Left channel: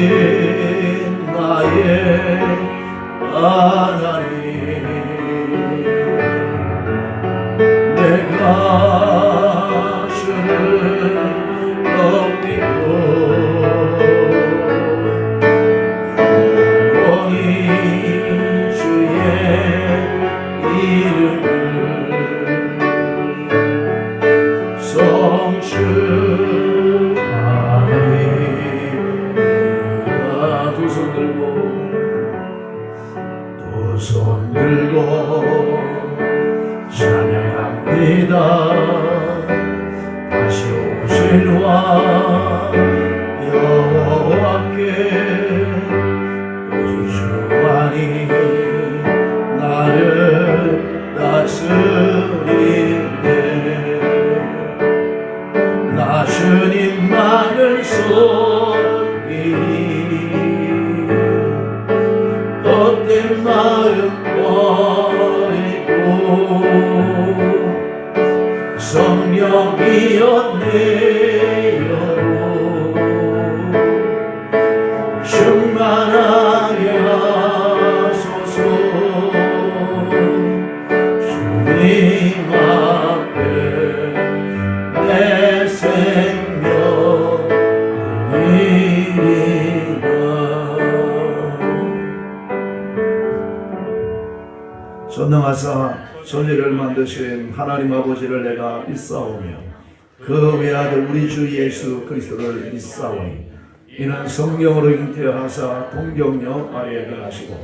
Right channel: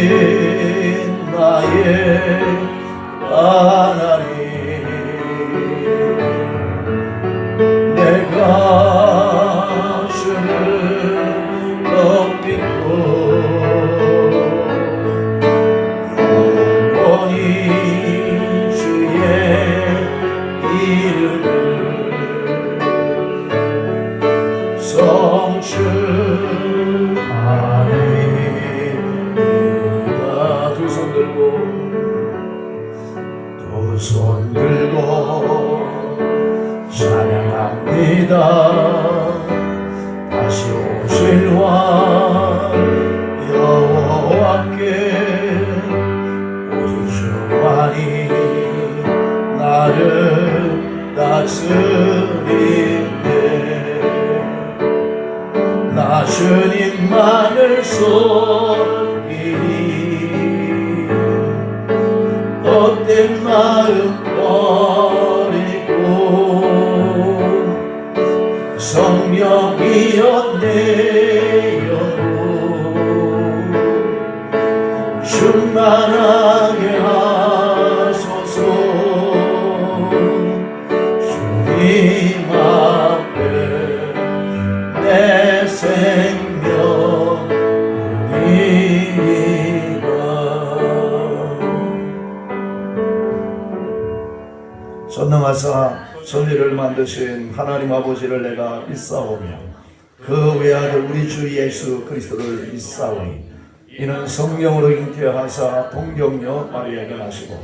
크신 나의 하나님, 내가 주를 높이고 영원히 주의 이름을 성취하리이다. 두 손 들고 찬양합니다. 다시 오실 왕 여호와께 오직 주만이 나를 다스리네. 나 주님만을 섬기니 헛된 마음 버리고 성령이여 내 영혼 충만하게 하소서. 주님 앞에 내 생명 드리리라. 전능하사 천지를 만드신 하나님 아버지를 내가 믿사오며 그 외아들 우리 주 예수 그리스도를 믿사오니 이는 성령으로 잉태하사 동정녀 마리아에게 나시고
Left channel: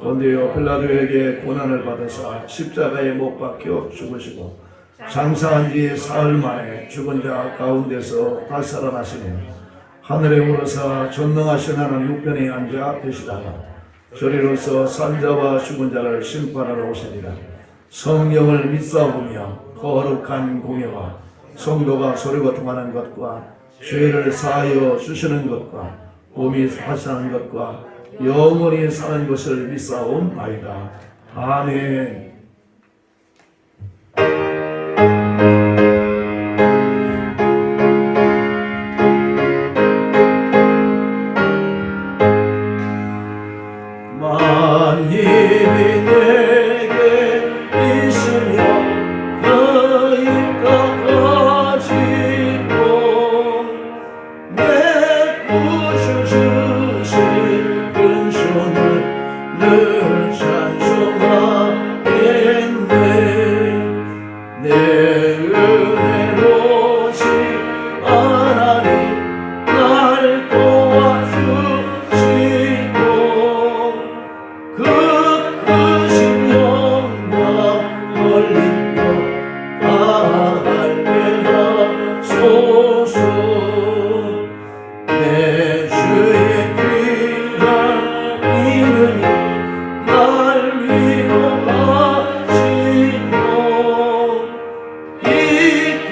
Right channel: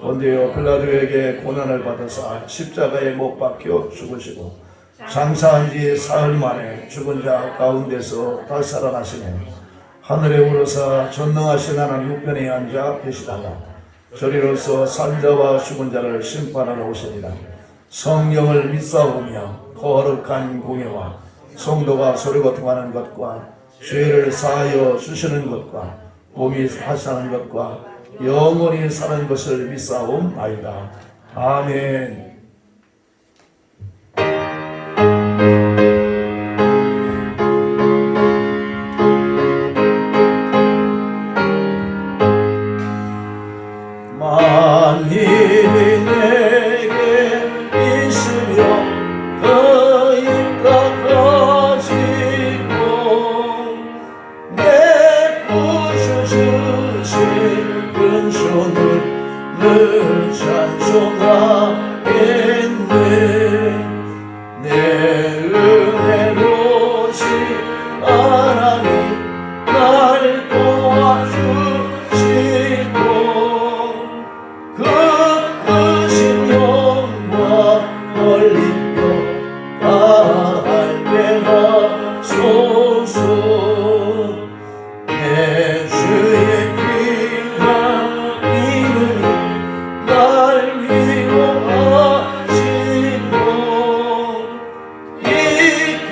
본디오 빌라도에게 고난을 받으사 십자가에 못 박혀 죽으시고 장사한 지 사흘 만에 죽은 자 가운데서 다시 살아나시며 하늘에 오르사 전능하신 하나님 우편에 앉아 계시다가 저리로서 산자와 죽은 자를 심판하러 오시리라. 성령을 믿사오며 거룩한 공예와 성도가 소리거통하는 것과 죄를 사하여 주시는 것과 몸이 하사는 것과 영원히 사는 것을 믿사옵나이다. 아멘. 만일이 내게 있으며 너희가 가지고 내 구주 주신 은총을 늘 찬송하겠네. 내 은혜로 오직 하나님 날 도와주시고 그 크신 영광 멀리며 다 알게 하소서. 내 주의 귀한 이름이 날 위로하시고 이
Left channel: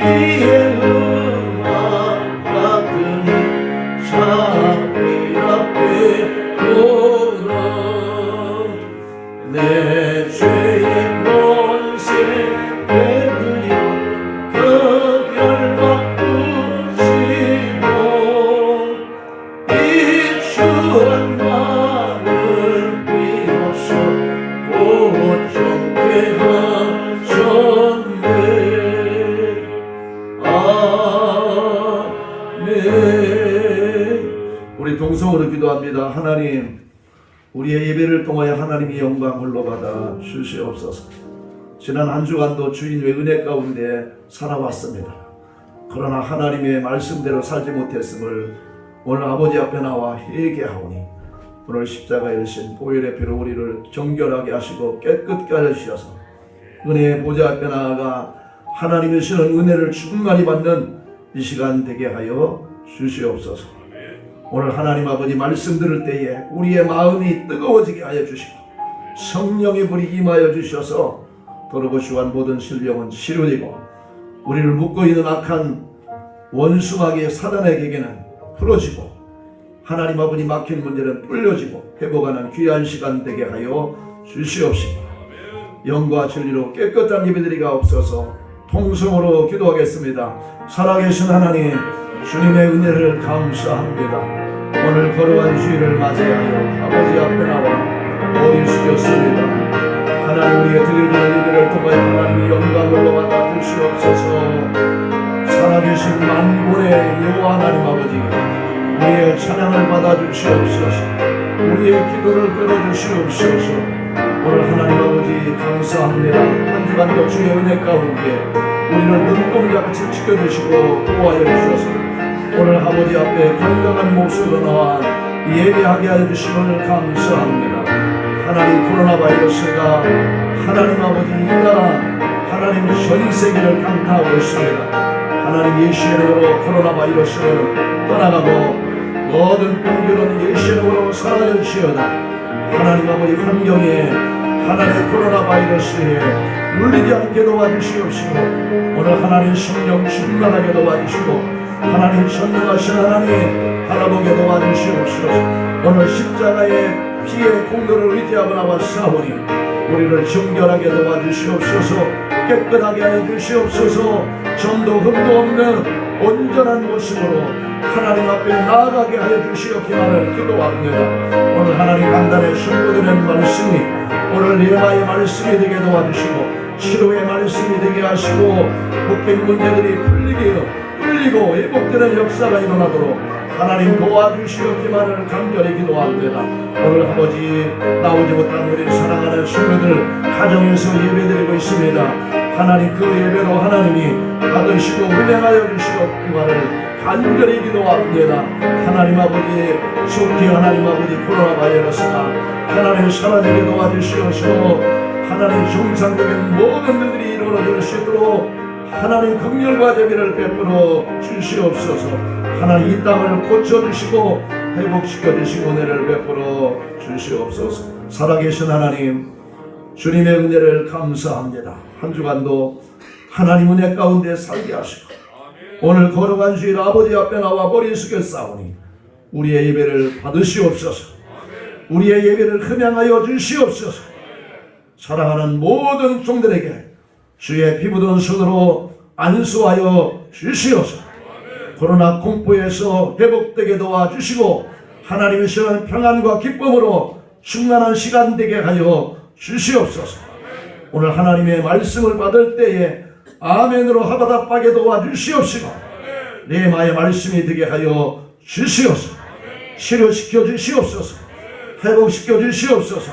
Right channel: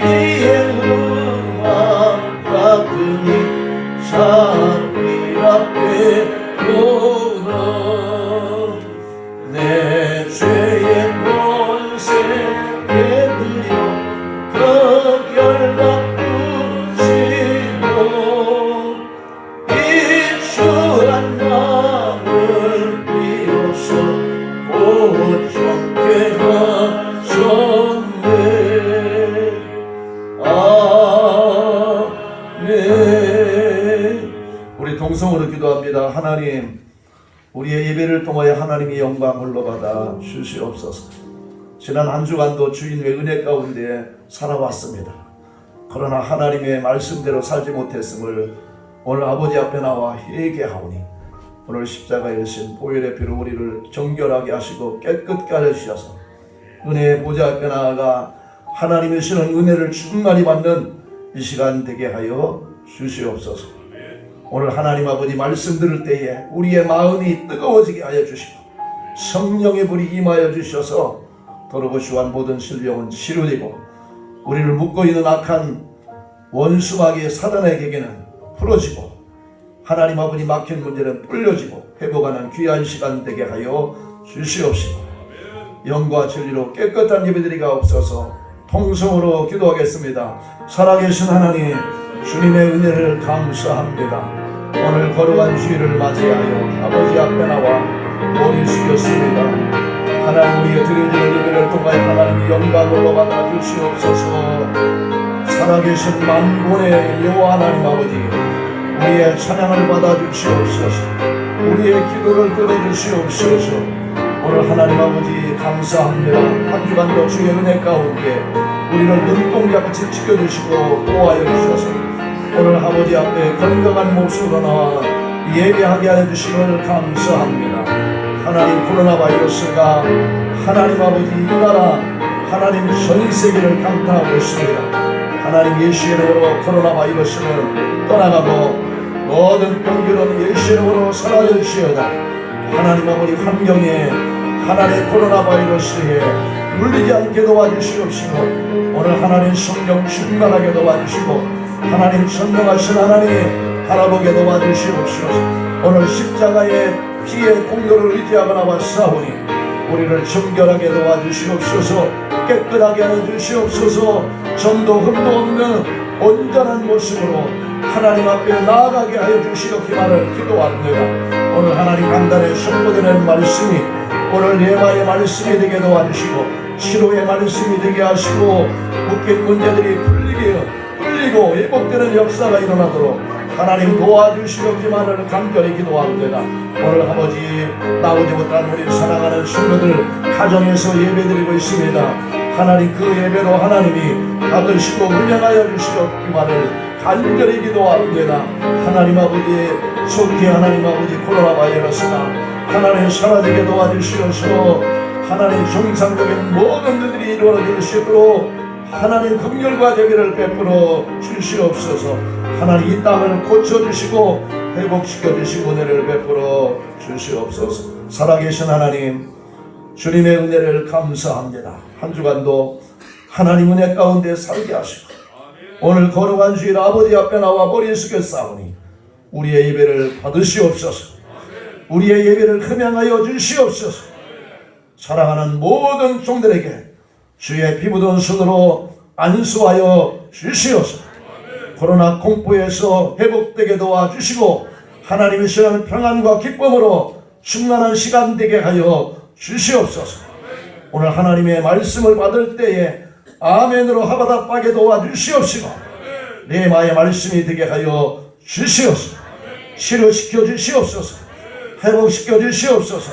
귀의 음악 같으니 자비 앞에 오라. 내 죄의 권세 되들여 그 결박부시고 이 주란 나를 비로소 고정케 하셨네. 아멘. 우리 동성으로 기도합니다. 하나님, 우리의 예배를 통하여 하나님의 영광 흘러받아 주시옵소서. 지난 한 주간도 주인의 은혜 가운데 살아왔습니다. 그러나 하나님의 말씀대로 살지 못했음을 오늘 아버지 앞에 나와 회개하오니 오늘 십자가에 오신 보혈의 피로 우리를 정결하게 하시고 깨끗게 하여 주셔서 은혜의 보좌 앞에 나아가 하나님의 주시는 은혜를 충만히 받는 이 시간 되게 하여 주시옵소서. 오늘 하나님 아버지 말씀 들을 때에 우리의 마음이 뜨거워지게 하여 주시고 성령의 불이 임하여 주셔서 도로고시한 모든 신령은 치료되고 우리를 묶고 있는 악한 원수마귀의 사단에게는 풀어지고 하나님 아버지 막힌 문제는 뚫려지고 회복하는 귀한 시간 되게 하여 주시옵시고 영과 진리로 깨끗한 예배드리가 없어서 통성으로 기도하겠습니다. 살아계신 하나님, 주님의 은혜를 감사합니다. 오늘 거룩한 주일을 맞이하여 아버지 앞에 나와 머리 숙였습니다. 하나님, 우리의 드려지는 예배를 통하여 하나님의 영광을 받아 주시옵소서. 살아계신 만군의 여호와 하나님 아버지, 우리의 찬양을 받아 주시옵소서. 우리의 기도를 들어주시옵소서. 오늘 하나님 아버지 감사합니다. 한 주간도 주의 은혜 가운데 우리를 눈동자같이 지켜주시고 보호하여 주셔서 오늘 아버지 앞에 건강한 모습으로 나와 예배하게 하여 주심을 감사합니다. 하나님, 코로나 바이러스가 하나님 아버지 이 나라 하나님 전 세계를 강타하고 있습니다. 하나님, 예수의 이름으로 코로나 바이러스는 떠나가고 모든 병들은 예수의 이름으로 사라져 주시어다. 하나님 아버지, 환경에 하나님의 코로나 바이러스에 물리지 않게 도와주시옵시고 오늘 하나님 성령 충만하게 도와주시고 하나님 전능하신 하나님 바라보게 도와주시옵소서. 오늘 십자가의 피의 공로를 의지하거나 왔사오니 우리를 정결하게 도와주시옵소서. 깨끗하게 하여 주시옵소서. 전도 흠도 없는 온전한 모습으로 하나님 앞에 나아가게 하여 주시옵기만을 기도합니다. 오늘 하나님 강단에 선포되는 말씀이 오늘 예화의 말씀이 되게 도와주시고 치료의 말씀이 되게 하시고 묶인 문제들이 풀리고 회복되는 역사가 일어나도록 하나님 도와주시옵기만을 간절히 기도합니다. 오늘 아버지, 나오지 못한 우리 사랑하는 친구들 가정에서 예배드리고 있습니다. 하나님, 그 예배도 하나님이 받으시고 은행하여 주시옵기만을 간절히 기도합니다. 하나님 아버지, 속히 하나님 아버지 코로나 바이러스가 하나님 사라지게 도와주시옵소서. 하나님, 정상적인 모든 일들이 이루어질 수 있도록 하나님 긍휼과 자비를 베풀어 주시옵소서. 하나님, 이 땅을 고쳐주시고 회복시켜주시고 은혜를 베풀어 주시옵소서. 살아계신 하나님, 주님의 은혜를 감사합니다. 한 주간도 하나님 은혜 가운데 살게 하시고 오늘 거룩한 주일 아버지 앞에 나와 머리 숙여 싸우니 우리의 예배를 받으시옵소서. 우리의 예배를 흠양하여 주시옵소서. 사랑하는 모든 종들에게 주의 피부던 손으로 안수하여 주시옵소서. 코로나 공포에서 회복되게 도와주시고 하나님의 시간 평안과 기쁨으로 충만한 시간 되게 하여 주시옵소서. 오늘 하나님의 말씀을 받을 때에 아멘으로 하바답하게 도와주시옵시고 레마의 말씀이 되게 하여 주시옵소서. 치료시켜 주시옵소서. 회복시켜 주시옵소서.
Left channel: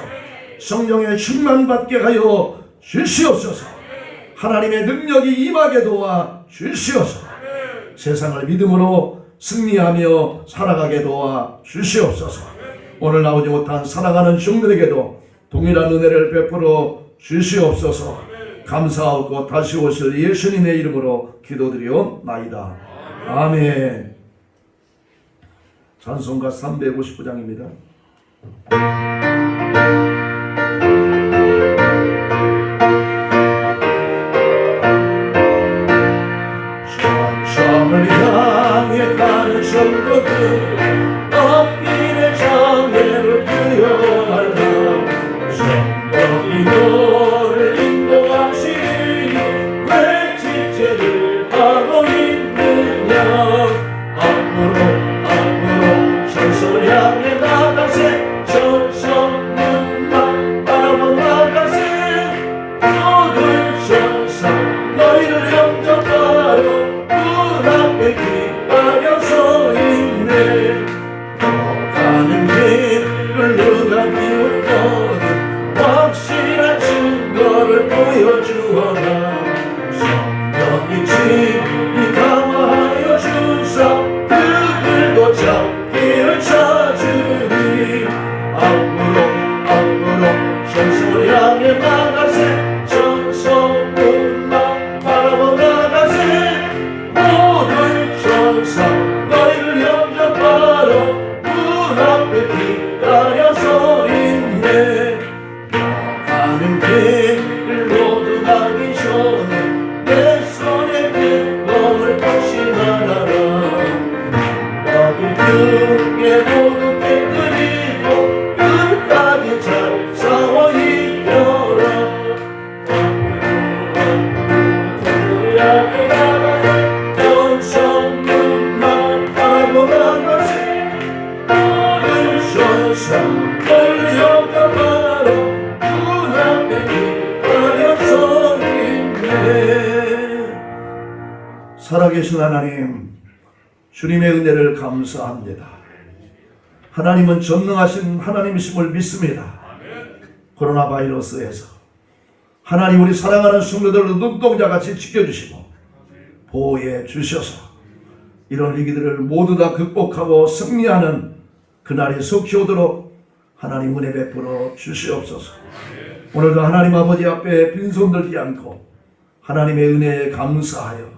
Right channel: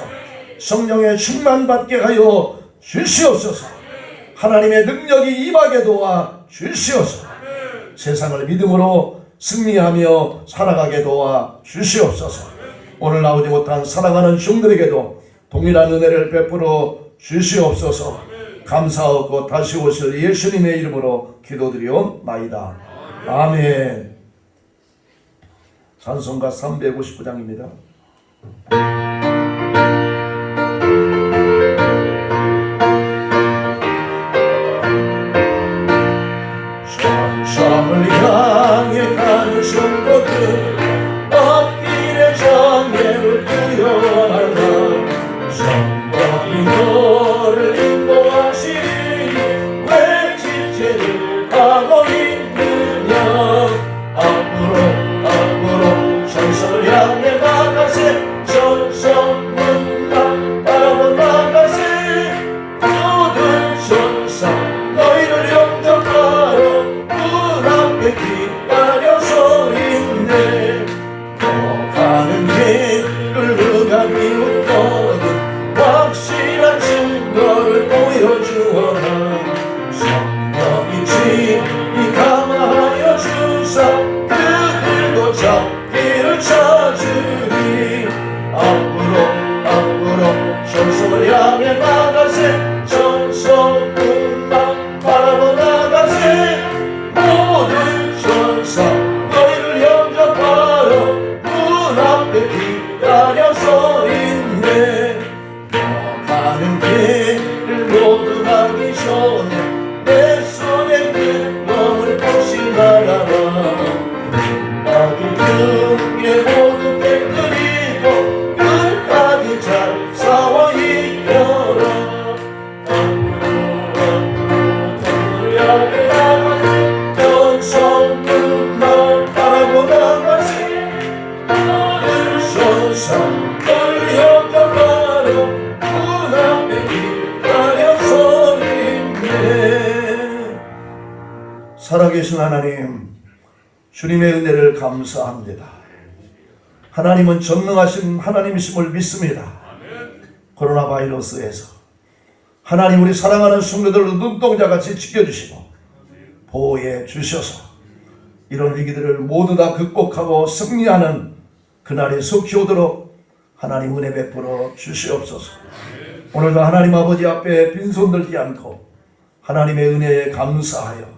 성령의 충만받게 하여 주시옵소서. 하나님의 능력이 임하게 도와 주시옵소서. 세상을 믿음으로 승리하며 살아가게 도와 주시옵소서. 오늘 나오지 못한 살아가는 종들에게도 동일한 은혜를 베풀어 주시옵소서. 감사하고 다시 오실 예수님의 이름으로 기도드리옵나이다. 아멘. 찬송가 359장입니다. 천성을 향해 가는 성도들 앞길의 장애를 구현하라. 성령이 너를 인도하시니 왜 지체를 하고 있느냐. 앞으로 천성을 향해 나가세. 천성 살아계신 하나님, 주님의 은혜를 감사합니다. 하나님은 전능하신 하나님이심을 믿습니다. 코로나 바이러스에서 하나님 우리 사랑하는 성도들을 눈동자같이 지켜주시고 보호해 주셔서 이런 위기들을 모두 다 극복하고 승리하는 그날이 속히 오도록 하나님 은혜 베풀어 주시옵소서. 오늘도 하나님 아버지 앞에 빈손 들지 않고 하나님의 은혜에 감사하여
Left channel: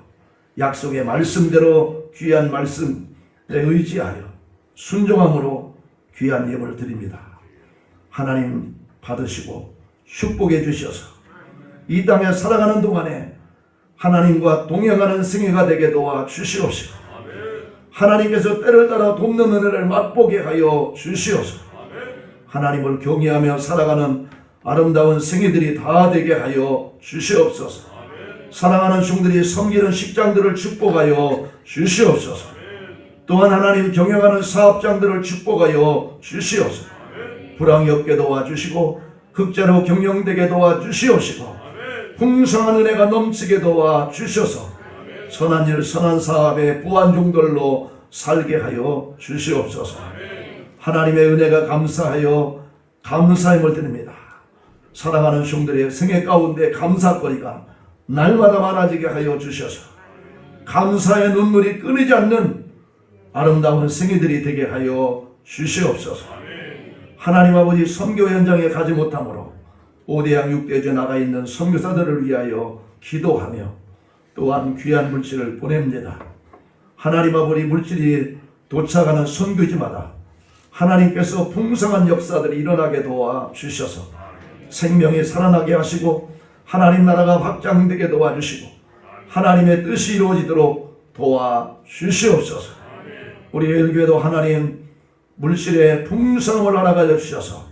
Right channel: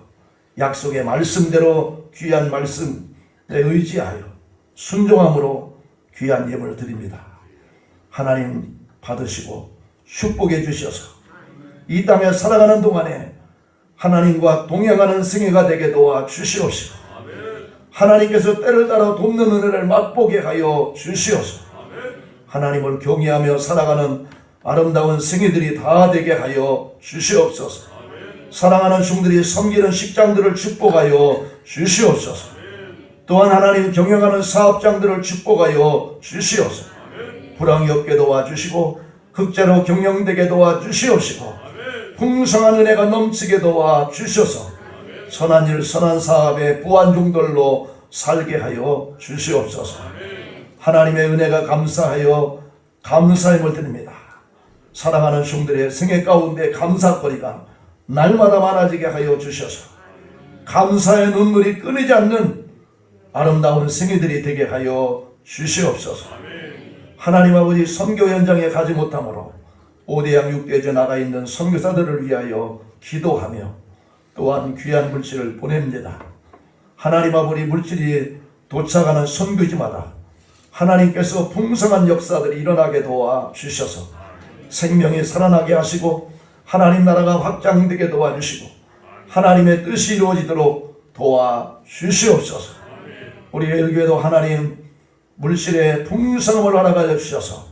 약속의 말씀대로 귀한 말씀에 의지하여 순종함으로 귀한 예물을 드립니다. 하나님 받으시고 축복해 주셔서 이 땅에 살아가는 동안에 하나님과 동행하는 생애가 되게 도와 주시옵시고 하나님께서 때를 따라 돕는 은혜를 맛보게 하여 주시옵소서. 하나님을 경외하며 살아가는 아름다운 생애들이 다 되게 하여 주시옵소서. 사랑하는 종들이 섬기는 직장들을 축복하여 주시옵소서. 또한 하나님 경영하는 사업장들을 축복하여 주시옵소서. 불황이 없게 도와주시고 극자로 경영되게 도와주시옵시고 풍성한 은혜가 넘치게 도와주셔서 선한 일 선한 사업에 부한 종들로 살게 하여 주시옵소서. 하나님의 은혜가 감사하여 감사함을 드립니다. 사랑하는 종들의 생애 가운데 감사거리가 날마다 많아지게 하여 주셔서 감사의 눈물이 끊이지 않는 아름다운 생애들이 되게 하여 주시옵소서. 하나님 아버지 선교 현장에 가지 못함으로 5대양 6대주에 나가 있는 선교사들을 위하여 기도하며 또한 귀한 물질을 보냅니다. 하나님 아버지 물질이 도착하는 선교지마다 하나님께서 풍성한 역사들이 일어나게 도와주셔서 생명이 살아나게 하시고 하나님 나라가 확장되게 도와주시고 하나님의 뜻이 이루어지도록 도와주시옵소서. 우리 일교회도 하나님 물질의 풍성함을 허락하여 주셔서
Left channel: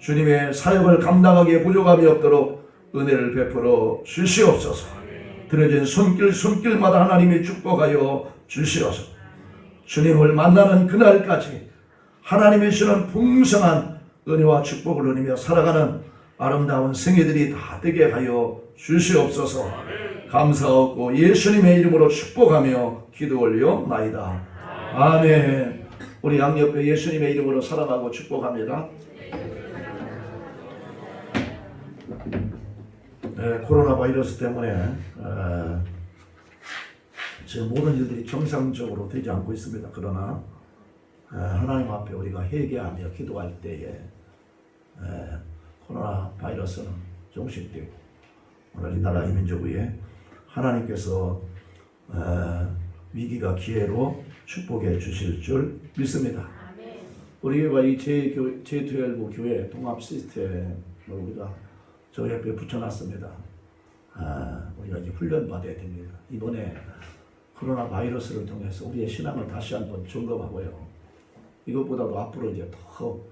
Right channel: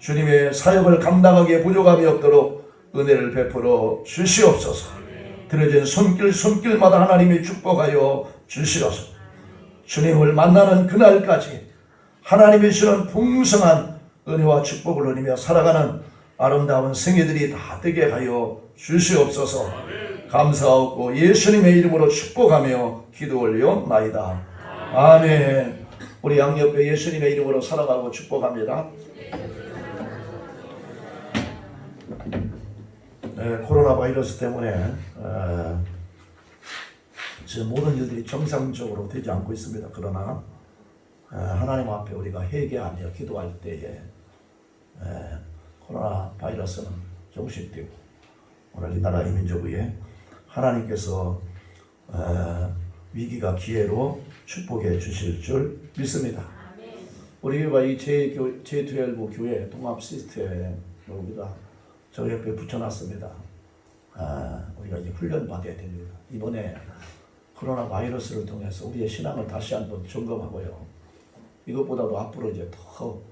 주님의 사역을 감당하기에 부족함이 없도록 은혜를 베풀어 주시옵소서. 들어진 손길마다 하나님이 축복하여 주시옵소서. 주님을 만나는 그날까지 하나님이 주시는 풍성한 은혜와 축복을 누리며 살아가는 아름다운 생애들이 다 되게 하여 주시옵소서. 감사하고 예수님의 이름으로 축복하며 기도 올려나이다. 아멘. 우리 양옆에 예수님의 이름으로 살아가고 축복합니다. 네, 코로나 바이러스 때문에 지금 모든 일들이 정상적으로 되지 않고 있습니다. 그러나 하나님 앞에 우리가 회개하며 기도할 때에 코로나 바이러스는 종식되고 오늘 이 나라 이민족 위에 하나님께서 위기가 기회로 축복해 주실 줄 믿습니다. 우리 교회가 이 제12 교회 통합 시스템을 우리가 저 옆에 붙여놨습니다. 우리가 이제 훈련 받아야 됩니다. 이번에 코로나 바이러스를 통해서 우리의 신앙을 다시 한번 점검하고요. 이것보다도 앞으로 이제 더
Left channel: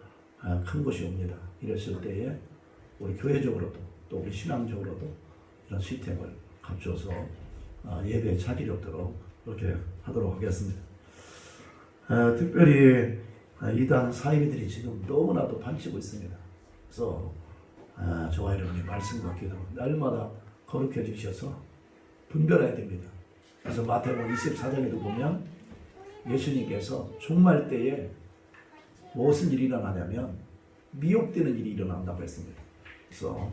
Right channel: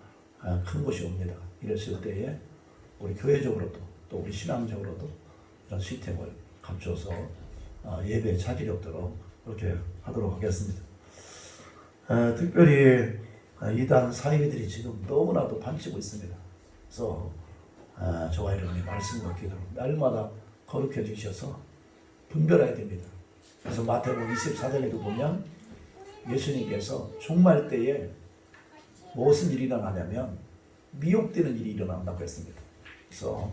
큰 것이 옵니다. 이랬을 때에 우리 교회적으로도 또 우리 신앙적으로도 이런 시스템을 갖춰서 예배에 차질이 없도록 그렇게 하도록 하겠습니다. 특별히 이단 사이비들이 지금 너무나도 반치고 있습니다. 그래서 저와 여러분이 말씀과 기도 날마다 거룩해 주셔서 분별해야 됩니다. 그래서 마태복음 24장에도 보면 예수님께서 종말 때에 무슨 일이 일어나냐면 미혹되는 일이 일어난다고 했습니다. 그래서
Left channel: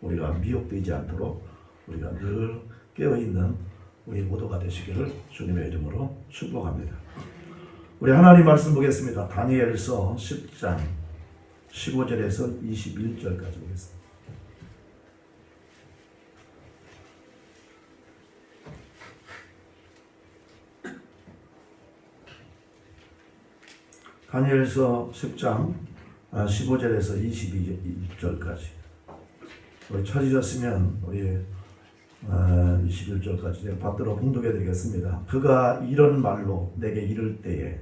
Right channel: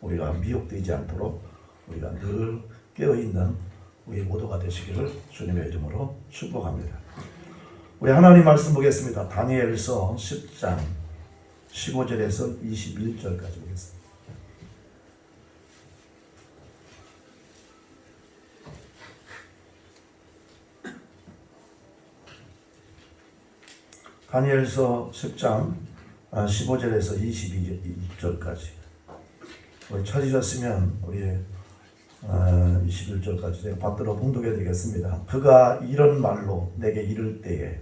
우리가 미혹되지 않도록 우리가 늘 깨어있는 우리 모두가 되시기를 주님의 이름으로 축복합니다. 우리 하나님 말씀 보겠습니다. 다니엘서 10장 15절에서 21절까지 보겠습니다. 다니엘서 10장 15절에서 22절까지 찾으셨으면 우리 21절까지 제가 받들어 봉독해 드리겠습니다. 그가 이런 말로 내게 이를 때에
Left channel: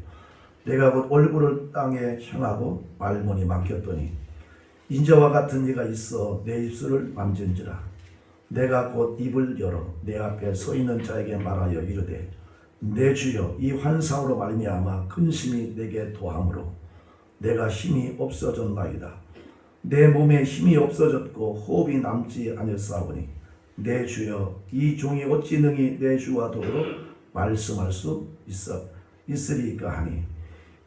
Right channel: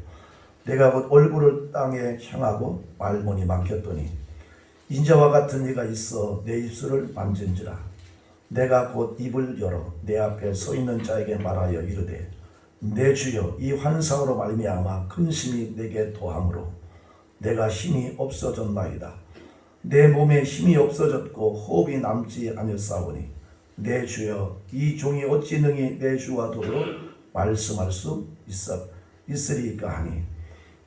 내가 곧 얼굴을 땅에 향하고 말문이 막혔더니 인자와 같은 이가 있어 내 입술을 만진지라. 내가 곧 입을 열어 내 앞에 서 있는 자에게 말하여 이르되 내 주여 이 환상으로 말미암아 근심이 내게 도함으로 내가 힘이 없어졌나이다. 내 몸에 힘이 없어졌고 호흡이 남지 아니었사오니 내 주여 이 종이 어찌 능히 내 주와 더불어 말씀할 수 있으리까 하니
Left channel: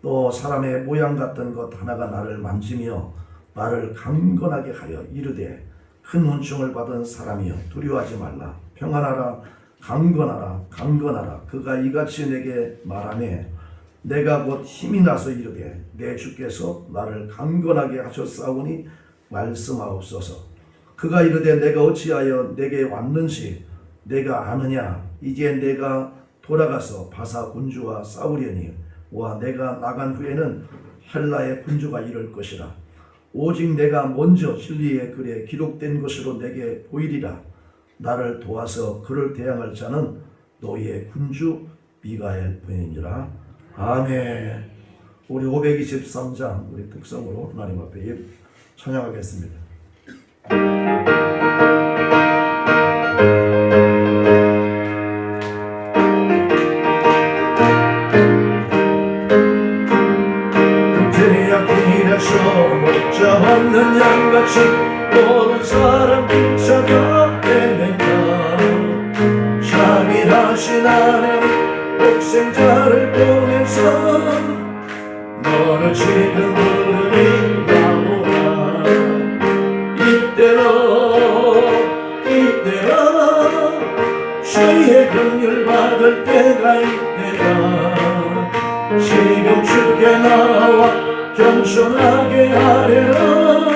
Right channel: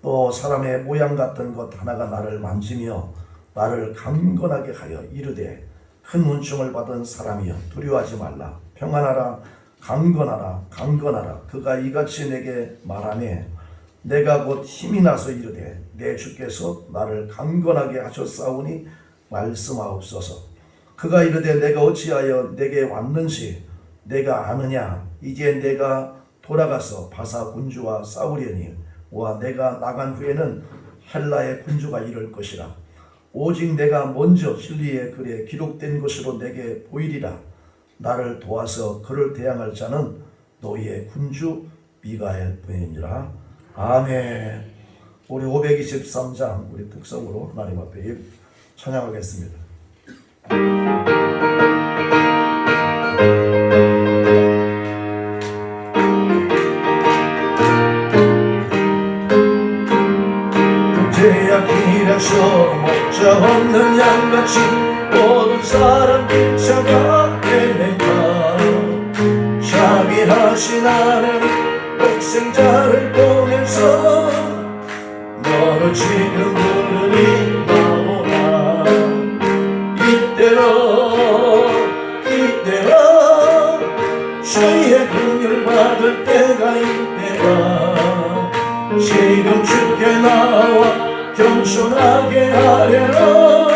또 사람의 모양 같은 것 하나가 나를 만지며 나를 강건하게 하여 이르되 큰 문충을 받은 사람이여 두려워하지 말라 평안하라 강건하라 강건하라 그가 이같이 내게 말하매 내가 곧 힘이 나서 이르되 내 주께서 나를 강건하게 하셨사오니 말씀하옵소서. 그가 이르되 내가 어찌하여 내게 왔는지 내가 아느냐 이제 내가 돌아가서 바사 군주와 싸우려니 와 내가 나간 후에는 헬라의 군주가 이를 것이라. 오직 내가 먼저 진리의 글에 기록된 것으로 내게 보이리라. 나를 도와서 그를 대항할 자는 너희의 군주 미가엘 뿐이니라. 아멘. 우리 523장 우리 특성으로 하나님 앞에 찬양하겠습니다. 제약길에서 목자 없는 양같이 모든 사람 비춰가 헤매가 자비하신 하나님 독생자를 보내서 너는 지금 부르니 나오라. 이때로 주의 긍휼 받을 때가 이때라. 지금 주께 나와 겸손하게 하래라.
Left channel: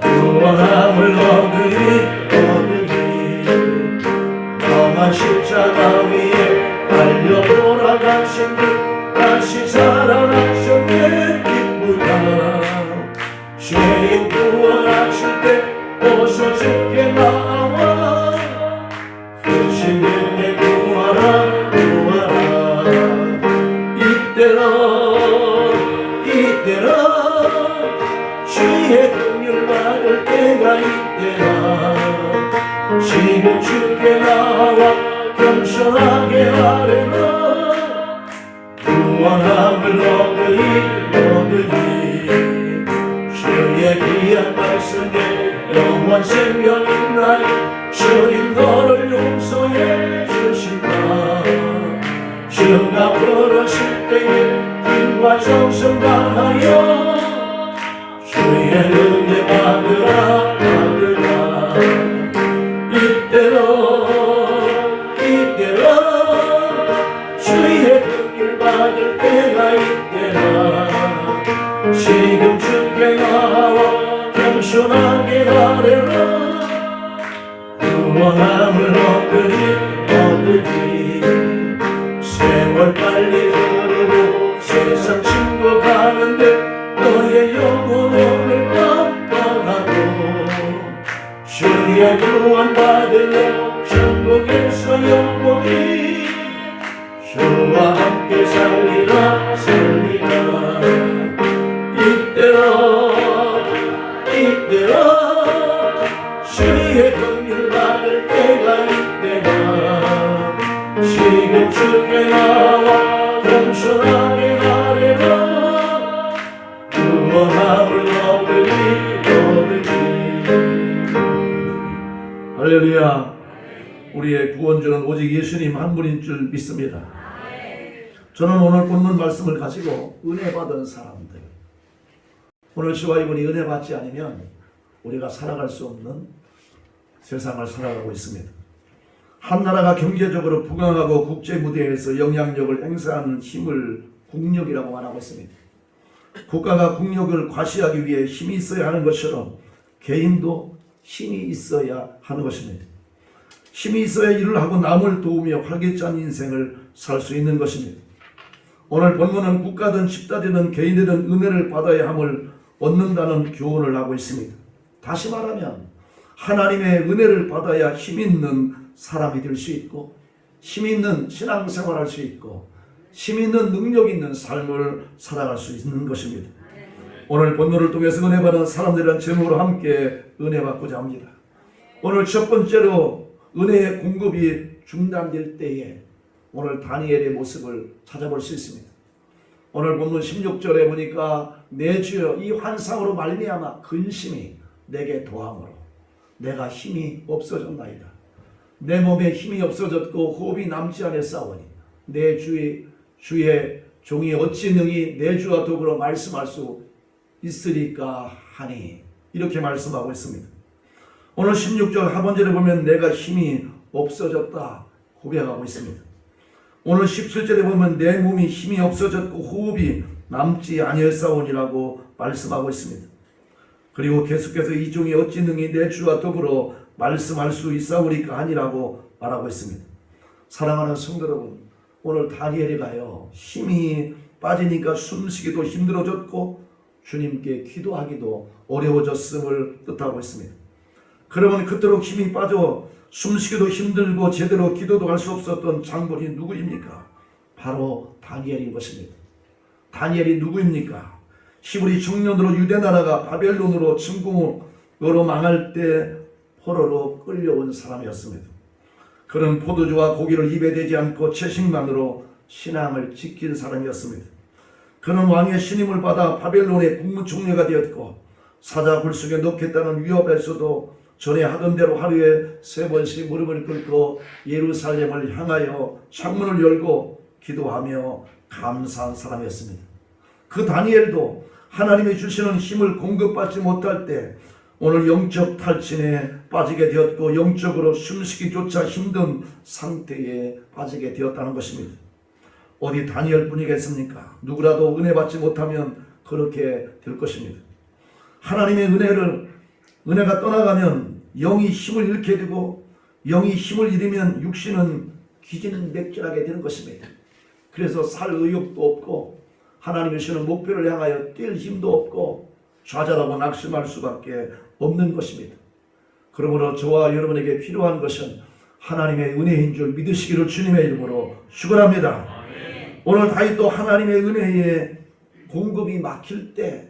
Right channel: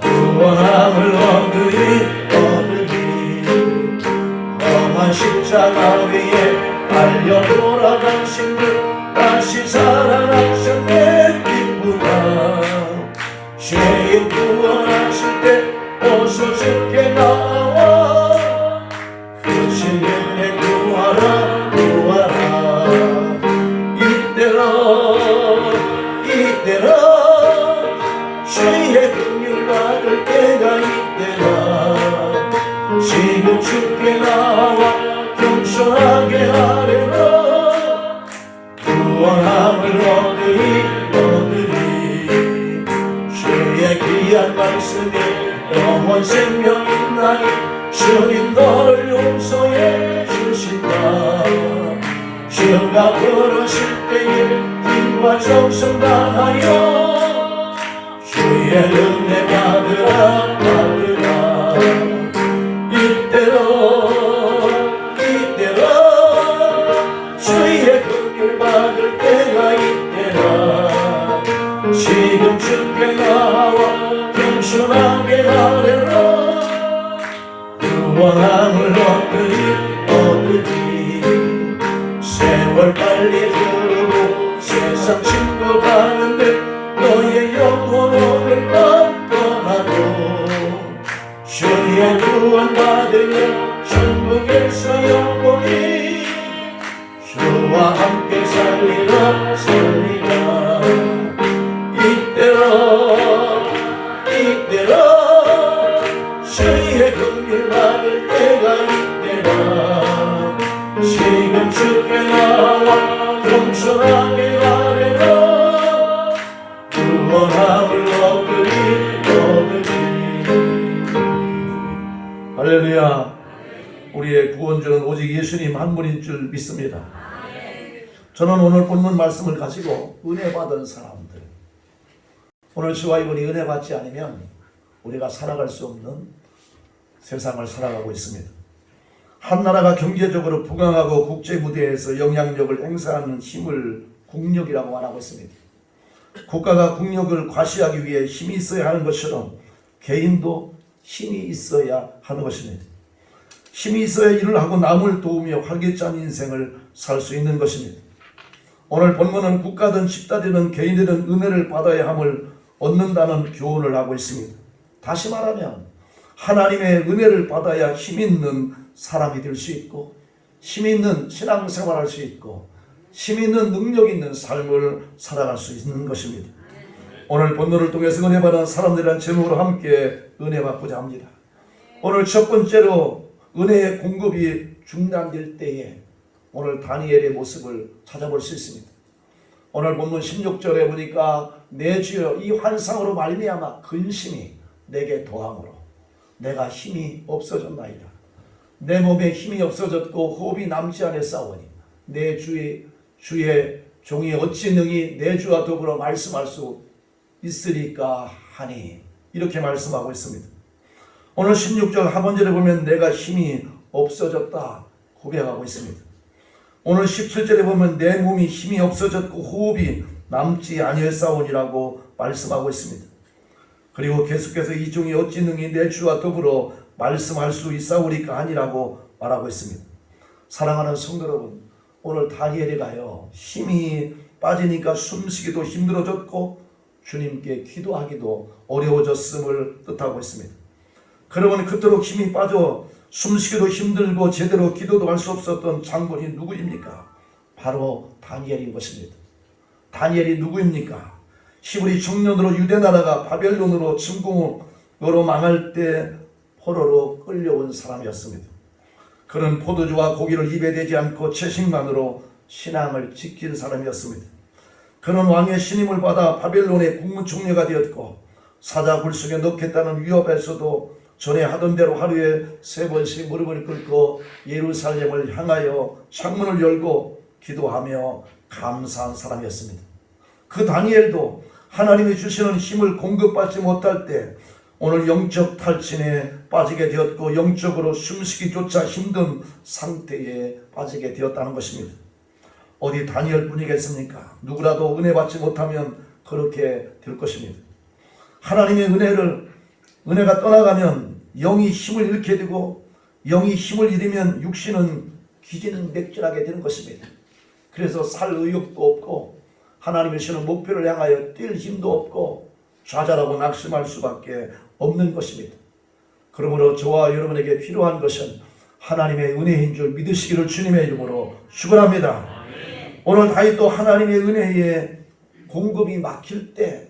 구원함을 얻으리 험한 십자가 위에 달려 돌아가신 그 다시 살아나셨네 기쁘다. 죄인 구원하실 때 어서 주께 나와 그 신령에 구하라 구하라. 이때라 주의 긍휼 받을 때가 이때라. 지금 주께 나와 겸손하게 하래라. 구원함을 얻으리 주의 귀한 말씀에 영원 생명 있나니 주님 너를 용서해 주신다. 주가 부르실 때에 힘과 정성 다하여 주의 은혜 받으라. 이때로 주의 긍휼 받을 때가 이때라. 지금 주께 나와 겸손하게 하래라. 구원함을 얻으리 세월 빨리 흐르고 세상 친구 가는데 너의 영혼 오늘 밤 떠나고 주의 구원 받으며 천국에서 영원히 주와 함께 살리라. 이때라 주의 긍휼 받을 때가 이때라. 지금 주께 나와 겸손하게 하래라. 구원함을 얻으리 할렐루야. 우리의 구원주는 오직 예수님 한 분인 줄 믿습니다. 저는 오늘 본문 말씀을 가지고 은혜 받은 사람들, 오늘 저와 이분이 은혜 받지 않으면 우리가 살아갈 수 없는 세상을 살아가고 있습니다. 한 나라가 경제적으로 부강하고 국제 무대에서 영향력을 행사하는 힘을 국력이라고 말하고 있습니다. 국가가 국력을 과시하기 위해 힘이 있어야 하는 것처럼 개인도 힘이 있어야 하는 것입니다. 힘이 있어야 일을 하고 남을 도우며 활기찬 인생을 살 수 있는 것입니다. 오늘 본문은 국가든 집단이든 개인이든 은혜를 받아야 함을 얻는다는 교훈을 하고 있습니다. 다시 말하면 하나님의 은혜를 받아야 힘 있는 사람이 될 수 있고 힘 있는 신앙생활을 할 수 있고 힘 있는 능력 있는 삶을 살아갈 수 있는 것입니다. 오늘 본문을 통해서 은혜 받은 사람들이란 제목으로 함께 은혜 받고자 합니다. 오늘 첫 번째로 은혜의 공급이 중단될 때에 오늘 다니엘의 모습을 찾아볼 수 있습니다. 오늘 본문 16절에 보니까 내 주여 이 환상으로 말미암아 근심이 내게 더함으로 내가 힘이 없어졌나이다. 내 몸에 힘이 없어졌고 호흡이 남지 않았사오니 내 주의 종이 어찌 능히 내 주와 더불어 말씀할 수 있으리까 하니 이렇게 말씀하고 있습니다. 오늘 16절 하반절에 보면 내가 힘이 없어졌다 고백하고 있습니다. 오늘 17절에 보면 내 몸이 힘이 없어졌고 호흡이 남지 아니하사오니라고 말씀하고 있습니다. 그리고 계속해서 이 종이 어찌 능히 내 주와 더불어 말씀할 수 있사오리까 하니라고 말하고 있습니다. 사랑하는 성도 여러분, 오늘 다니엘이 가요 힘이 빠지니까 숨쉬기도 힘들어졌고 주님께 기도하기도 어려워졌음을 뜻하고 있습니다. 그러면 그토록 힘이 빠져 숨쉬기도 힘들고 제대로 기도도 할 수 없었던 장본이 누구입니까? 바로 다니엘인 것입니다. 다니엘이 누구입니까? 히브리 청년으로 유대 나라가 바벨론으로 침공으로 망할 때 포로로 끌려온 사람이었습니다. 그는 포도주와 고기를 입에 대지 않고 채식만으로 신앙을 지킨 사람이었습니다. 그는 왕의 신임을 받아 바벨론의 국무총리가 되었고 사자 굴속에 넣겠다는 위협에서도 전에 하던 대로 하루에 3번씩 무릎을 꿇고 예루살렘을 향하여 창문을 열고 기도하며 감사한 사람이었습니다. 그 다니엘도 하나님이 주시는 힘을 공급받지 못할 때 오늘 영적 탈진에 빠지게 되었고 영적으로 숨쉬기조차 힘든 상태에 빠지게 되었다는 것입니다. 어디 다니엘 뿐이겠습니까? 누구라도 은혜 받지 못하면 그렇게 될 것입니다. 하나님의 은혜가 떠나가면 영이 힘을 잃게 되고 영이 힘을 잃으면 육신은 기지는 맥질하게 되는 것입니다. 그래서 살 의욕도 없고 하나님이 주시는 목표를 향하여 뛸 힘도 없고 좌절하고 낙심할 수밖에 없는 것입니다. 그러므로 저와 여러분에게 필요한 것은 하나님의 은혜인 줄 믿으시기를 주님의 이름으로 축원합니다. 오늘 다윗도 하나님의 은혜에 공급이 막힐 때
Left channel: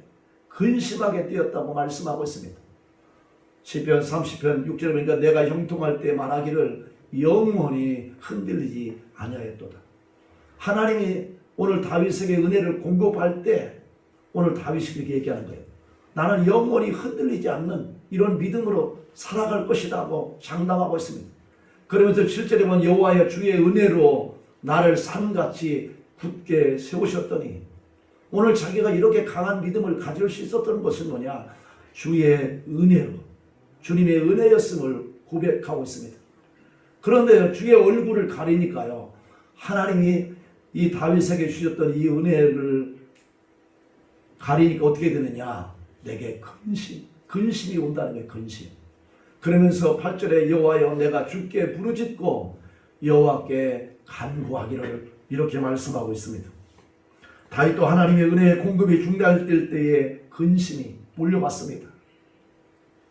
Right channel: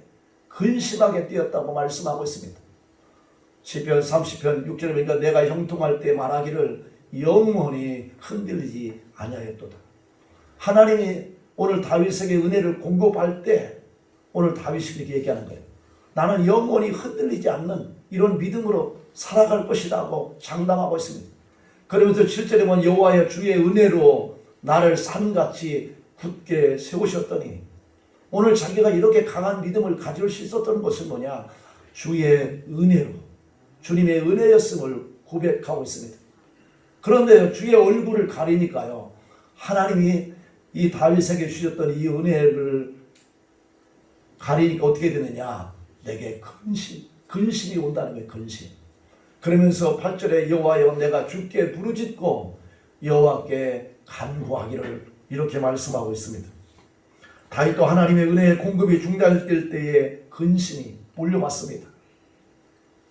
근심하게 되었다고 말씀하고 있습니다. 시편 30편 6절에 보니까 내가 형통할 때 말하기를 영원히 흔들리지 아니하였도다. 하나님이 오늘 다윗에게 은혜를 공급할 때 오늘 다윗이 이렇게 얘기하는 거예요. 나는 영원히 흔들리지 않는 이런 믿음으로 살아갈 것이라고 장담하고 있습니다. 그러면서 7절에 보면 여호와여 주의 은혜로 나를 산같이 굳게 세우셨더니 오늘 자기가 이렇게 강한 믿음을 가질 수 있었던 것은 뭐냐? 주의 은혜로 주님의 은혜였음을 고백하고 있습니다. 그런데 주의 얼굴을 가리니까요. 하나님이 이 다윗에게 주셨던 이 은혜를 가리니까 어떻게 되느냐? 내게 근심이 온다는 거예요. 근심. 그러면서 8절에 여호와여 내가 주께 부르짖고 여호와께 간구하기를 이렇게 말씀하고 있습니다. 다윗도 하나님의 은혜의 공급이 중단될 때에 근심이 몰려왔습니다.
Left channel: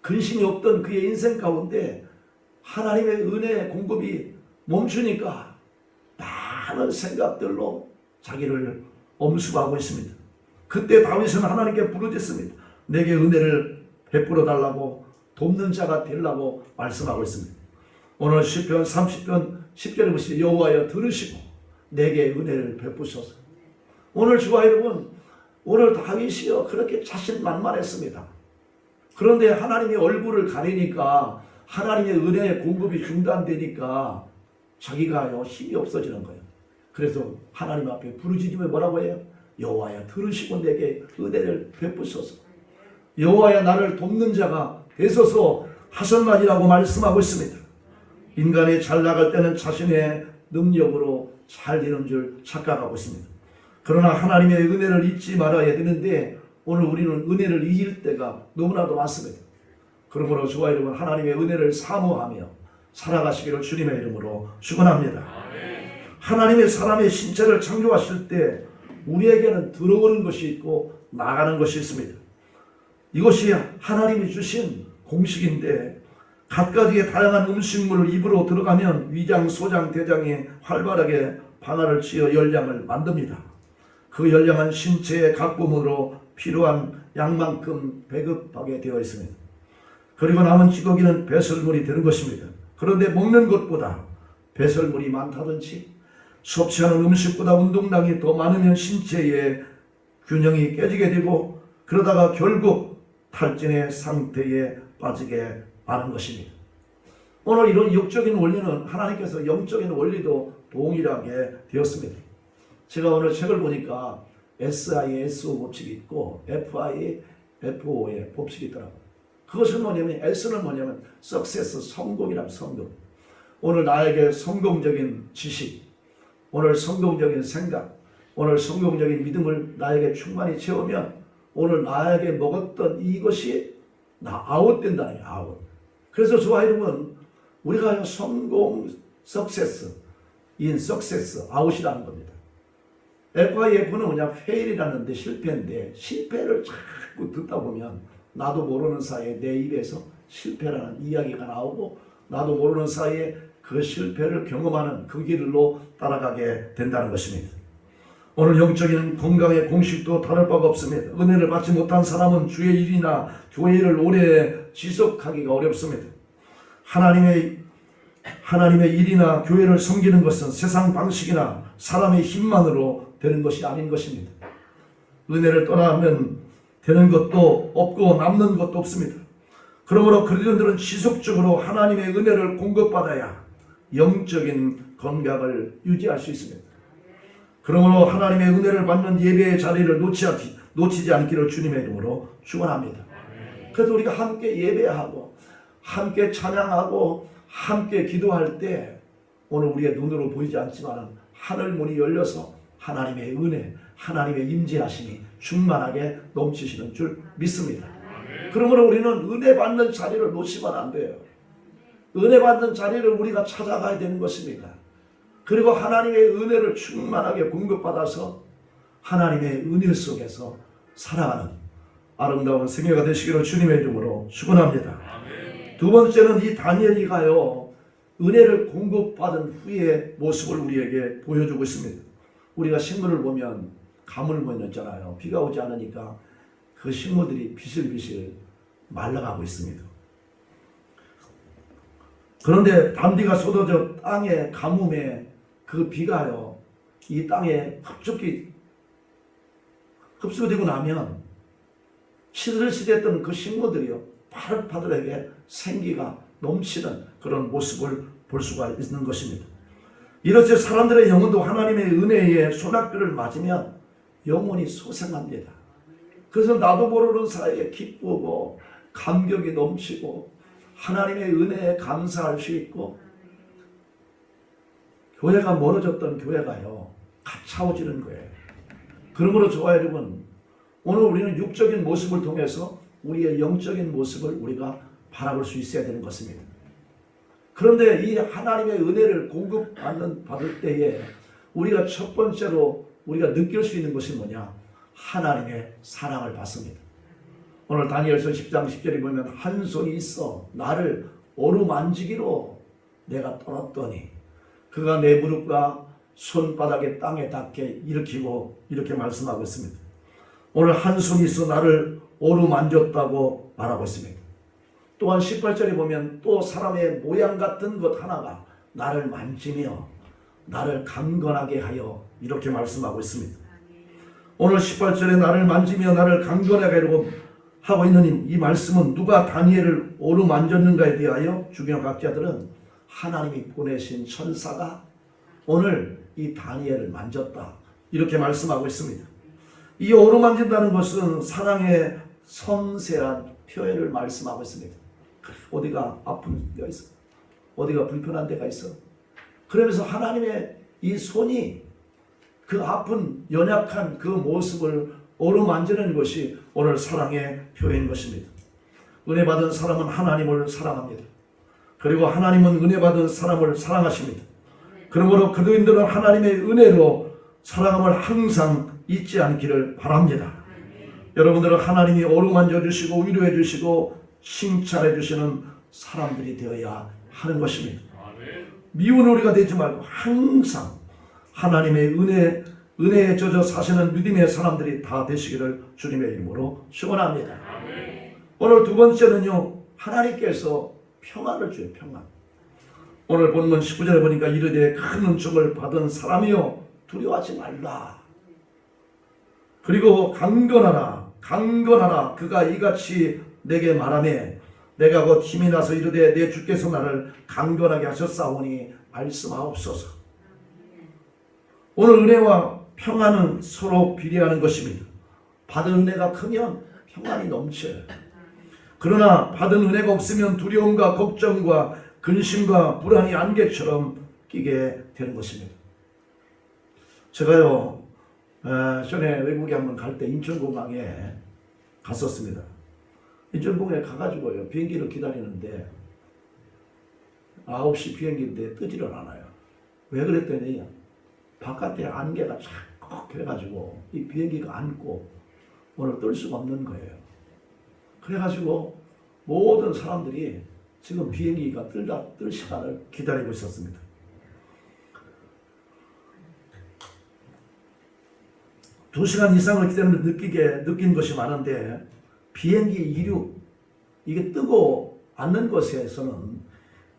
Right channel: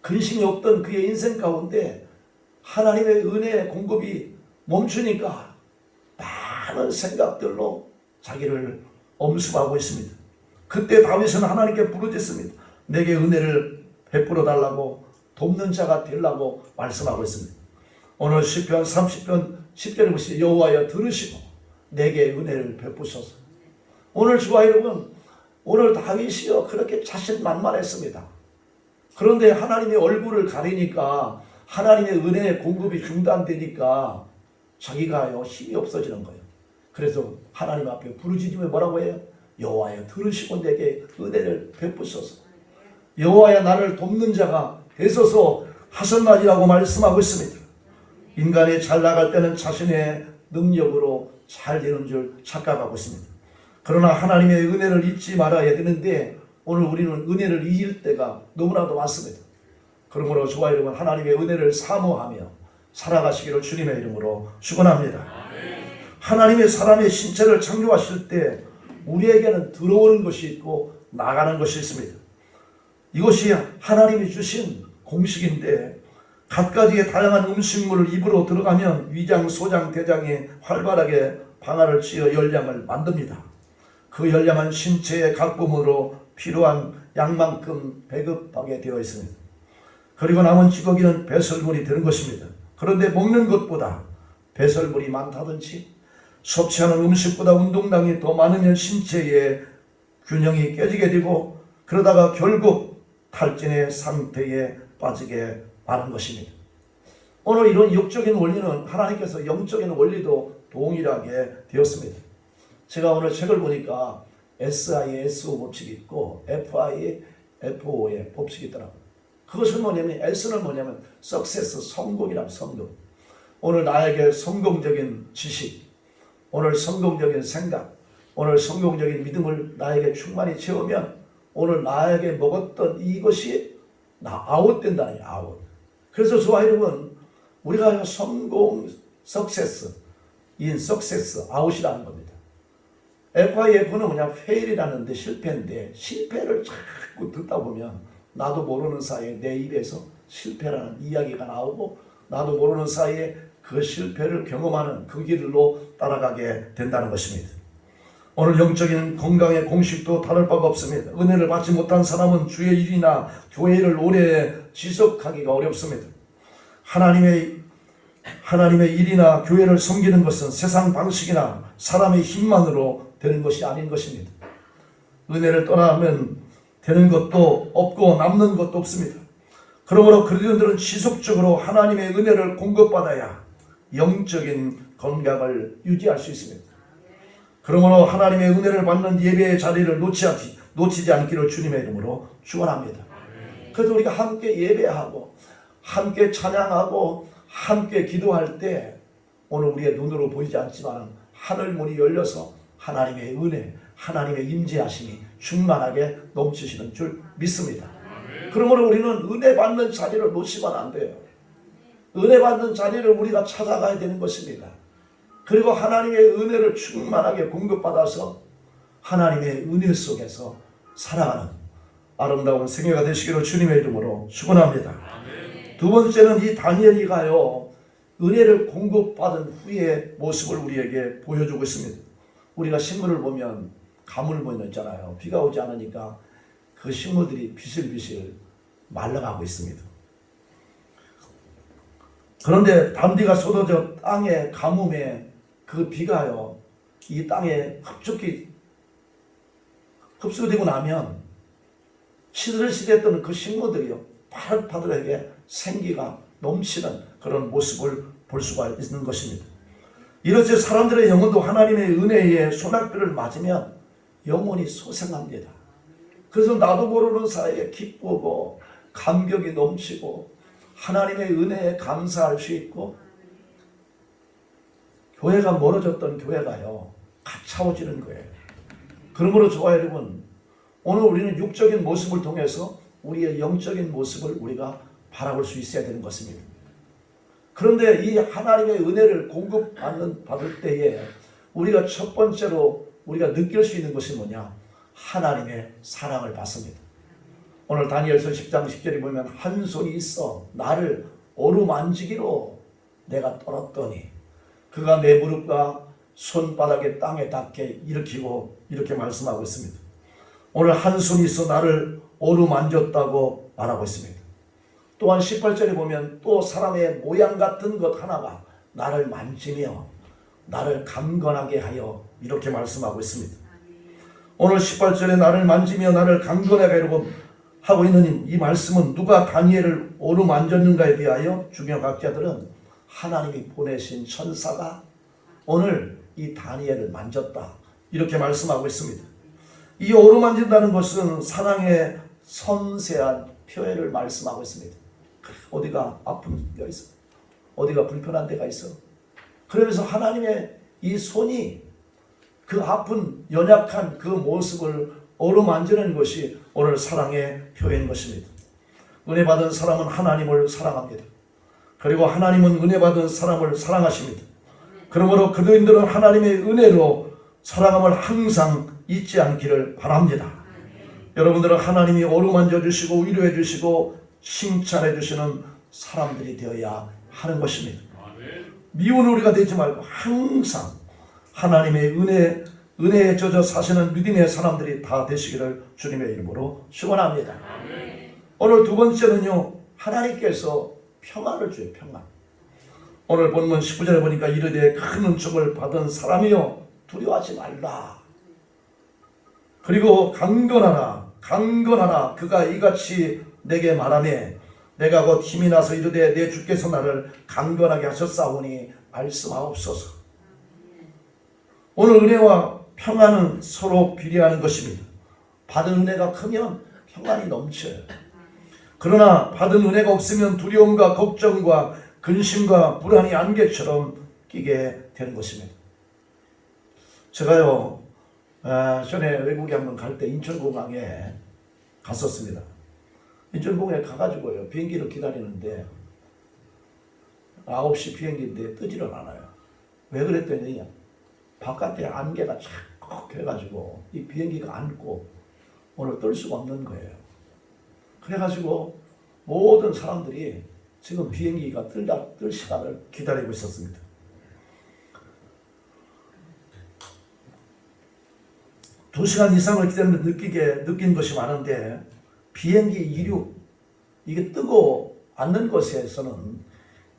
근심이 없던 그의 인생 가운데 하나님의 은혜의 공급이 멈추니까 많은 생각들로 자기를 엄습하고 있습니다. 그때 다윗은 하나님께 부르짖습니다. 내게 은혜를 베풀어 달라고 돕는 자가 되려고 말씀하고 있습니다. 오늘 시편 30편 10절에 보시면 여호와여 들으시고 내게 은혜를 베푸소서. 오늘 주와 여러분, 오늘 다윗이요 그렇게 자신만만했습니다. 그런데 하나님의 얼굴을 가리니까 하나님의 은혜의 공급이 중단되니까 자기가요 힘이 없어지는 거예요. 그래서 하나님 앞에 부르짖으며 뭐라고 해요? 여호와여 들으시고 내게 은혜를 베푸소서. 여호와여 나를 돕는 자가 되소서 하셨나니라고 말씀하고 있습니다. 인간이 잘 나갈 때는 자신의 능력으로 잘 되는 줄 착각하고 있습니다. 그러나 하나님의 은혜를 잊지 말아야 되는데 오늘 우리는 은혜를 잊을 때가 너무나도 많습니다. 그러므로 저와 여러분 하나님의 은혜를 사모하며 살아가시기를 주님의 이름으로 축원합니다. 하나님의 사람의 신체를 창조하실 때 우리에게는 들어오는 것이 있고 나가는 것이 있습니다. 이것이 하나님이 주신 공식인데 갖가지의 다양한 음식물을 입으로 들어가면 위장, 소장, 대장이 활발하게 방아를 쥐어 열량을 만듭니다. 그 열량은 신체의 각 부분으로 필요한 양만큼 배급하게 되어 있습니다. 그리고 남은 찌꺼기는 배설물이 되는 것입니다. 그런데 먹는 것보다 배설물이 많다든지 섭취하는 음식보다 운동량이 더 많으면 신체의 균형이 깨지게 되고 그러다가 결국 탈진의 상태에 빠지게 아는 것입니다. 오늘 이런 육적인 원리는 하나님께서 영적인 원리도 동일하게 되었습니다. 제가 오늘 책을 보니까 SISO 법칙이 있고 FIFO의 법칙이 있더라고요. 그것은 뭐냐면 S는 뭐냐면 success, 성공이란 성공. 오늘 나에게 성공적인 지식, 오늘 성공적인 생각, 오늘 성공적인 믿음을 나에게 충만히 채우면 오늘 나에게 먹었던 이것이 아웃된다는 거예요. 아웃. 그래서 저와 여러분 우리가 성공, success, 아웃이라는 겁니다. FIF는 뭐냐 fail이라는 데 실패인데 실패를 자꾸 듣다 보면 나도 모르는 사이에 내 입에서 실패라는 이야기가 나오고 나도 모르는 사이에 그 실패를 경험하는 그 길로 따라가게 된다는 것입니다. 오늘 영적인 건강의 공식도 다를 바가 없습니다. 은혜를 받지 못한 사람은 주의 일이나 교회 일을 오래 지속하기가 어렵습니다. 하나님의 일이나 교회를 섬기는 것은 세상 방식이나 사람의 힘만으로 되는 것이 아닌 것입니다. 은혜를 떠나면 되는 것도 없고 남는 것도 없습니다. 그러므로 그리스도인들은 지속적으로 하나님의 은혜를 공급받아야 영적인 건강을 유지할 수 있습니다. 그러므로 하나님의 은혜를 받는 예배의 자리를 놓치지 않기를 주님의 이름으로 축원합니다. 그래서 우리가 함께 예배하고 함께 찬양하고 함께 기도할 때 오늘 우리의 눈으로 보이지 않지만 하늘 문이 열려서 하나님의 은혜, 하나님의 임재하심이 충만하게 넘치시는 줄 믿습니다. 그러므로 우리는 은혜 받는 자리를 놓치면 안 돼요. 은혜 받는 자리를 우리가 찾아가야 되는 것입니다. 그리고 하나님의 은혜를 충만하게 공급받아서 하나님의 은혜 속에서 살아가는 아름다운 생애가 되시기를 주님의 이름으로 축원합니다. 두 번째는 이 다니엘이가요 은혜를 공급받은 후의 모습을 우리에게 보여주고 있습니다. 우리가 식물을 보면 가물고 있잖아요. 비가 오지 않으니까 그 식물들이 비실비실 말라가고 있습니다. 그런데 단비가 쏟아져 땅의 가뭄에 그 비가요 이 땅에 흡수되고 나면 시들시들했던 그 식물들이요 파릇파릇하게 생기가 넘치는 그런 모습을 볼 수가 있는 것입니다. 이렇게 사람들의 영혼도 하나님의 은혜에 소낙비를 맞으면 영혼이 소생합니다. 그래서 나도 모르는 사이에 기쁘고 감격이 넘치고 하나님의 은혜에 감사할 수 있고 교회가 멀어졌던 교회가요 가차워지는 거예요. 그러므로 저와 여러분 오늘 우리는 육적인 모습을 통해서 우리의 영적인 모습을 우리가 바라볼 수 있어야 되는 것입니다. 그런데 이 하나님의 은혜를 받을 때에 우리가 첫 번째로 우리가 느낄 수 있는 것이 뭐냐? 하나님의 사랑을 받습니다. 오늘 다니엘서 10장 10절에 보면 한 손이 있어 나를 어루만지기로 내가 떨었더니 그가 내 무릎과 손바닥에 땅에 닿게 일으키고 이렇게 말씀하고 있습니다. 오늘 한 손이 있어 나를 어루만졌다고 말하고 있습니다. 또한 18절에 보면 또 사람의 모양 같은 것 하나가 나를 만지며 나를 강건하게 하여 이렇게 말씀하고 있습니다. 오늘 18절에 나를 만지며 나를 강건하게 하고 있는 이 말씀은 누가 다니엘을 어루만졌는가에 대하여 중요학자들은 하나님이 보내신 천사가 오늘 이 다니엘을 만졌다 이렇게 말씀하고 있습니다. 이 어루만진다는 것은 사랑의 섬세한 표현을 말씀하고 있습니다. 어디가 아픈 데가 있어? 어디가 불편한 데가 있어? 그러면서 하나님의 이 손이 그 아픈 연약한 그 모습을 어루만지는 것이 오늘 사랑의 표현인 것입니다. 은혜 받은 사람은 하나님을 사랑합니다. 그리고 하나님은 은혜 받은 사람을 사랑하십니다. 그러므로 그리스도인들은 하나님의 은혜로 사랑함을 항상 잊지 않기를 바랍니다. 여러분들은 하나님이 어루만져 주시고 위로해 주시고 칭찬해 주시는 사람들이 되어야 하는 것입니다. 미운 우리가 되지 말고 항상 하나님의 은혜에 젖어 사시는 믿음의 사람들이 다 되시기를 주님의 이름으로 축원합니다. 오늘 두 번째는요 하나님께서 평안을 줘요. 평안. 오늘 본문 19절에 보니까 이르되 큰 은총을 받은 사람이여 두려워하지 말라. 그리고 강건하라 그가 이같이 내게 말하네 내가 곧 힘이 나서 이르되 내 주께서 나를 강건하게 하셨사오니 말씀하옵소서. 오늘 은혜와 평안은 서로 비례하는 것입니다. 받은 은혜가 크면 평안이 넘쳐요. 그러나 받은 은혜가 없으면 두려움과 걱정과 근심과 불안이 안개처럼 끼게 되는 것입니다. 제가요 전에 외국에 한번 갈 때 인천공항에 갔었습니다. 인천공항에 가가지고요 비행기를 기다리는데 9시 비행기인데 뜨지를 않아요. 왜 그랬더니 바깥에 안개가 착 해가지고 이 비행기가 앉고 오늘 뜰 수가 없는 거예요. 그래가지고 모든 사람들이 지금 비행기가 뜰 시간을 기다리고 있었습니다. 두 시간 이상을 기다리면서 느낀 것이 많은데 비행기 이륙 이게 뜨고 앉는 것에서는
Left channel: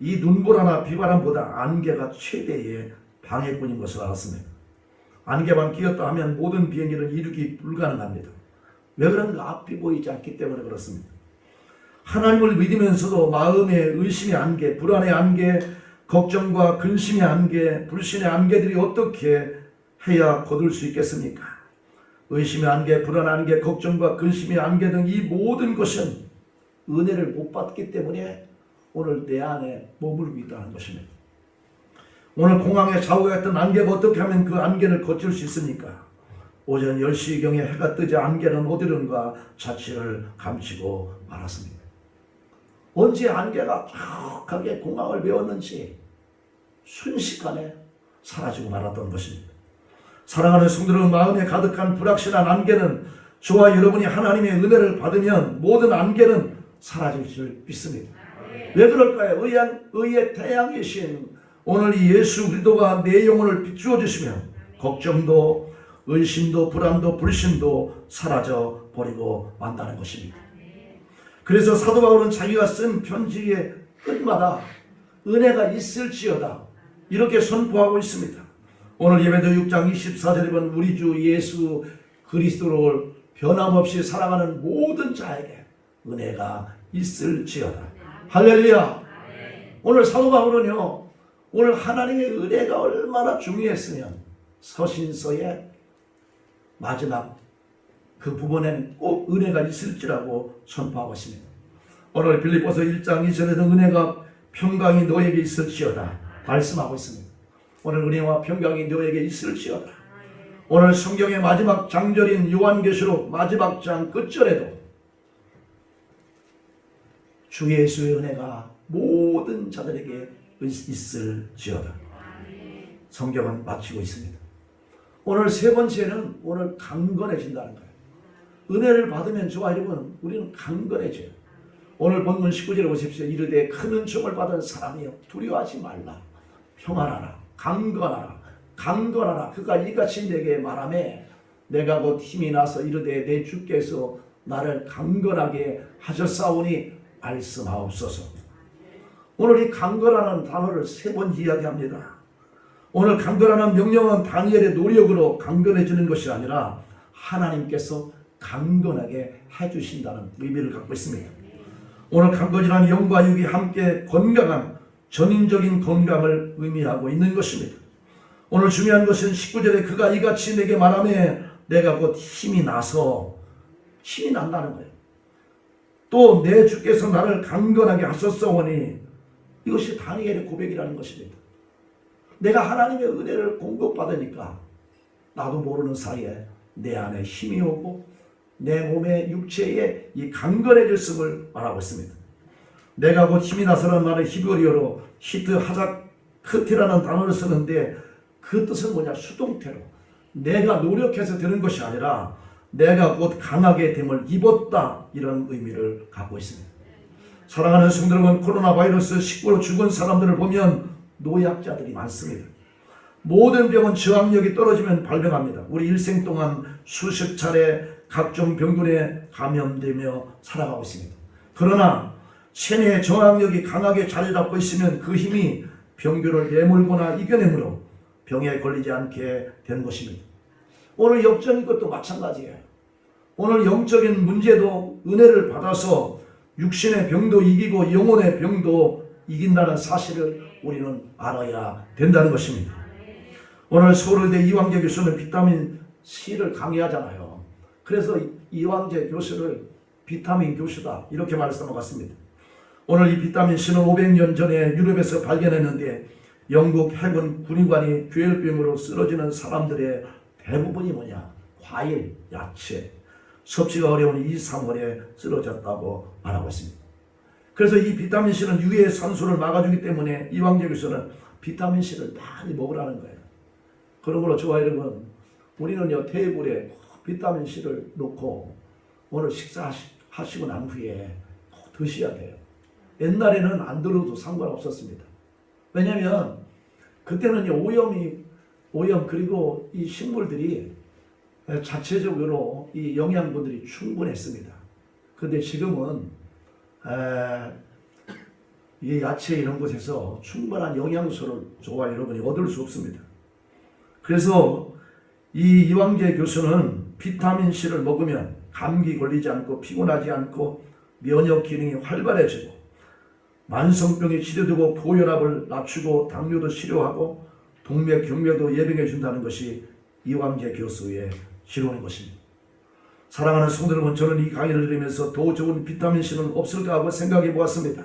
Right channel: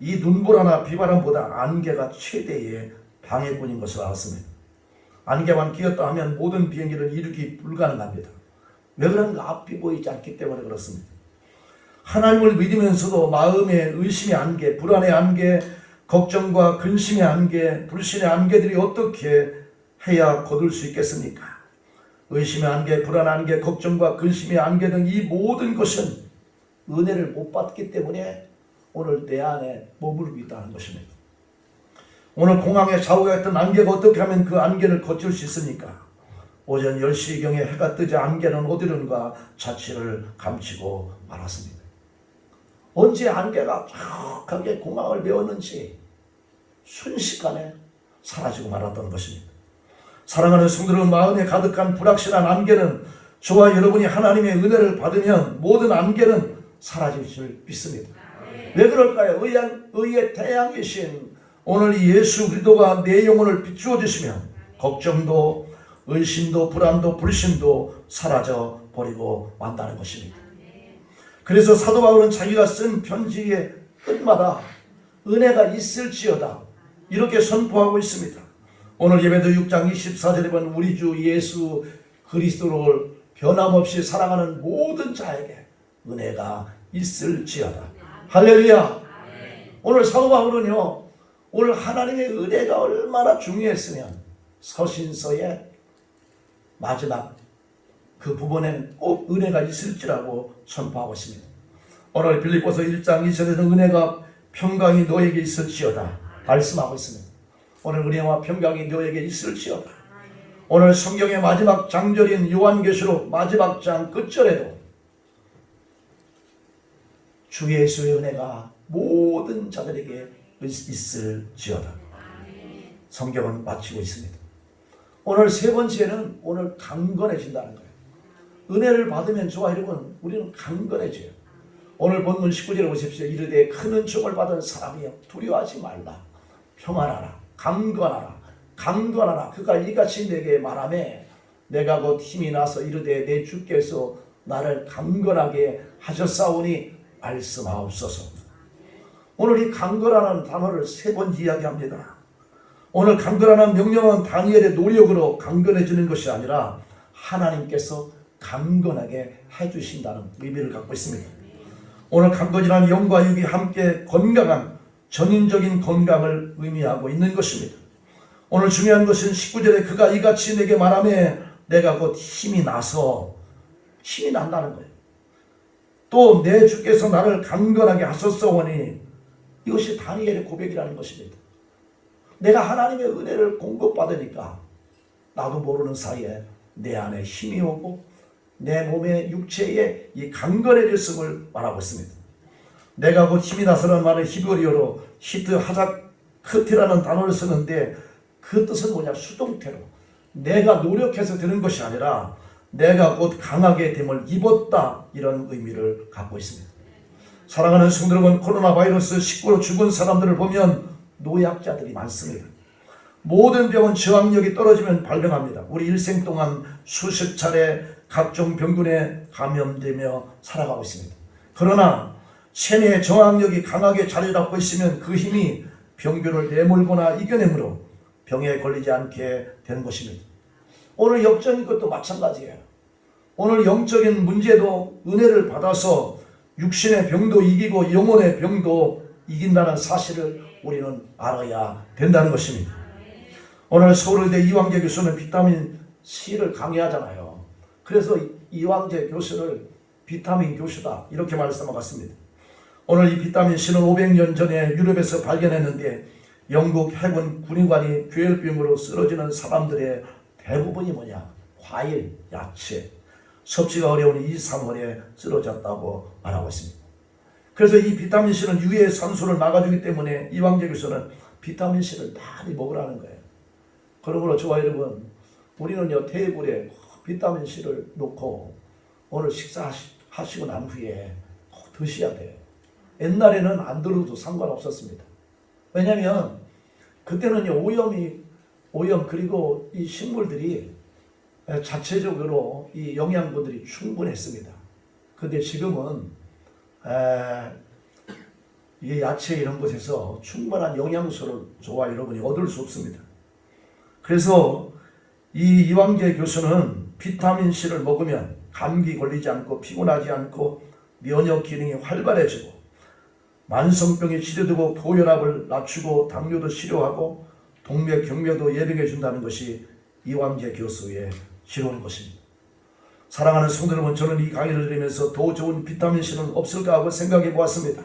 이 눈보라나 비바람보다 안개가 최대의 방해꾼인 것을 알았습니다. 안개만 끼었다 하면 모든 비행기는 이륙이 불가능합니다. 왜 그런가? 앞이 보이지 않기 때문에 그렇습니다. 하나님을 믿으면서도 마음의 의심의 안개, 불안의 안개, 걱정과 근심의 안개, 불신의 안개들이 어떻게 해야 거둘 수 있겠습니까? 의심의 안개, 불안의 안개, 걱정과 근심의 안개 등 이 모든 것은 은혜를 못 받기 때문에 오늘 내 안에 머물고 있다는 것입니다. 오늘 공항에 좌우했던 안개가 어떻게 하면 그 안개를 거칠 수 있습니까? 오전 10시경에 해가 뜨자 안개는 어디론가 자취를 감추고 말았습니다. 언제 안개가 쫙하게 공항을 메웠는지 순식간에 사라지고 말았던 것입니다. 사랑하는 성도들, 마음에 가득한 불확실한 안개는 저와 여러분이 하나님의 은혜를 받으면 모든 안개는 사라질 줄 믿습니다. 왜 그럴까요? 의의 태양이신 오늘 이 예수 그리스도가 내 영혼을 비추어 주시면 걱정도 의심도 불안도 불신도 사라져 버리고 만다는 것입니다. 그래서 사도 바울은 자기가 쓴 편지의 끝마다 은혜가 있을지어다 이렇게 선포하고 있습니다. 오늘 예배도 6장 24절에 보면 우리 주 예수 그리스도를 변함없이 사랑하는 모든 자에게 은혜가 있을지어다. 할렐루야. 오늘 사도 바울은요 오늘 하나님의 은혜가 얼마나 중요했으면 서신서의 마지막 그 부분에는 꼭 은혜가 있을지라고 선포하고 있습니다. 오늘 빌립보서 1장 2절에는 은혜가 평강이 너에게 있을지어다 말씀하고 있습니다. 오늘 은혜와 평강이 너에게 있을지어다. 오늘 성경의 마지막 장절인 요한계시록 마지막 장 끝절에도 주 예수의 은혜가 모든 자들에게 있을지어다. 성경은 마치고 있습니다. 오늘 세 번째는 오늘 강건해진다는 거예요. 은혜를 받으면 저와 여러분 우리는 강건해져요. 오늘 본문 19절에 보십시오. 이르되 큰 은총을 받은 사람이여 두려워하지 말라. 평안하라. 강건하라. 강건하라. 그가 이같이 내게 말하매 내가 곧 힘이 나서 이르되 내 주께서 나를 강건하게 하셨사오니 말씀하옵소서. 오늘 이 강건하라는 단어를 세 번 이야기합니다. 오늘 강건하라는 명령은 다니엘의 노력으로 강건해지는 것이 아니라 하나님께서 강건하게 해주신다는 의미를 갖고 있습니다. 오늘 강건이라는 영과 육이 함께 건강한 전인적인 건강을 의미하고 있는 것입니다. 오늘 중요한 것은 19절에 그가 이같이 내게 말하며 내가 곧 힘이 나서 힘이 난다는 거예요. 또 내 주께서 나를 강건하게 하셨사오니 이것이 다니엘의 고백이라는 것입니다. 내가 하나님의 은혜를 공급받으니까 나도 모르는 사이에 내 안에 힘이 오고 내 몸의 육체에 이 강건해졌음을 말하고 있습니다. 내가 곧 힘이 나서라는 말은 히브리어로 히트 하자크티라는 단어를 쓰는데 그 뜻은 뭐냐? 수동태로 내가 노력해서 되는 것이 아니라 내가 곧 강하게 됨을 입었다 이런 의미를 갖고 있습니다. 사랑하는 성도 여러분, 코로나 바이러스 19로 죽은 사람들을 보면 노약자들이 많습니다. 모든 병은 저항력이 떨어지면 발병합니다. 우리 일생 동안 수십 차례 각종 병균에 감염되며 살아가고 있습니다. 그러나 체내의 저항력이 강하게 자리 잡고 있으면 그 힘이 병균을 내몰거나 이겨내므로 병에 걸리지 않게 되는 것입니다. 오늘 영적인 것도 마찬가지예요. 오늘 영적인 문제도 은혜를 받아서 육신의 병도 이기고 영혼의 병도 이긴다는 사실을 우리는 알아야 된다는 것입니다. 오늘 서울의대 이광재 교수는 비타민 C를 강의하잖아요. 그래서 이광재 교수를 비타민 교수다 이렇게 말씀하고 갔습니다. 오늘 이 비타민 C는 500년 전에 유럽에서 발견했는데 영국 해군 군의관이 괴혈병으로 쓰러지는 사람들의 대부분이 뭐냐? 과일, 야채, 섭취가 어려운 2, 3월에 쓰러졌다고 말하고 있습니다. 그래서 이 비타민 C는 유해 산소를 막아주기 때문에 이광재 교수는 비타민 C를 많이 먹으라는 거예요. 그러므로 저와 여러분, 우리는요 테이블에 비타민 C를 놓고 오늘 식사하시고 난 후에 꼭 드셔야 돼요. 옛날에는 안 들어도 상관없었습니다. 왜냐하면 그때는요 오염 그리고 이 식물들이 자체적으로 이 영양분들이 충분했습니다. 그런데 지금은 이 야채 이런 것에서 충분한 영양소를 저와 여러분이 얻을 수 없습니다. 그래서 이 이광재 교수는 비타민 C를 먹으면 감기 걸리지 않고 피곤하지 않고 면역 기능이 활발해지고 만성병이 치료되고 고혈압을 낮추고 당뇨도 치료하고 동맥 경맥도 예방해 준다는 것이 이광재 교수의 지론인 것입니다. 사랑하는 성도 여러분, 저는 이 강의를 들으면서 더 좋은 비타민 C는 없을까 하고 생각해 보았습니다.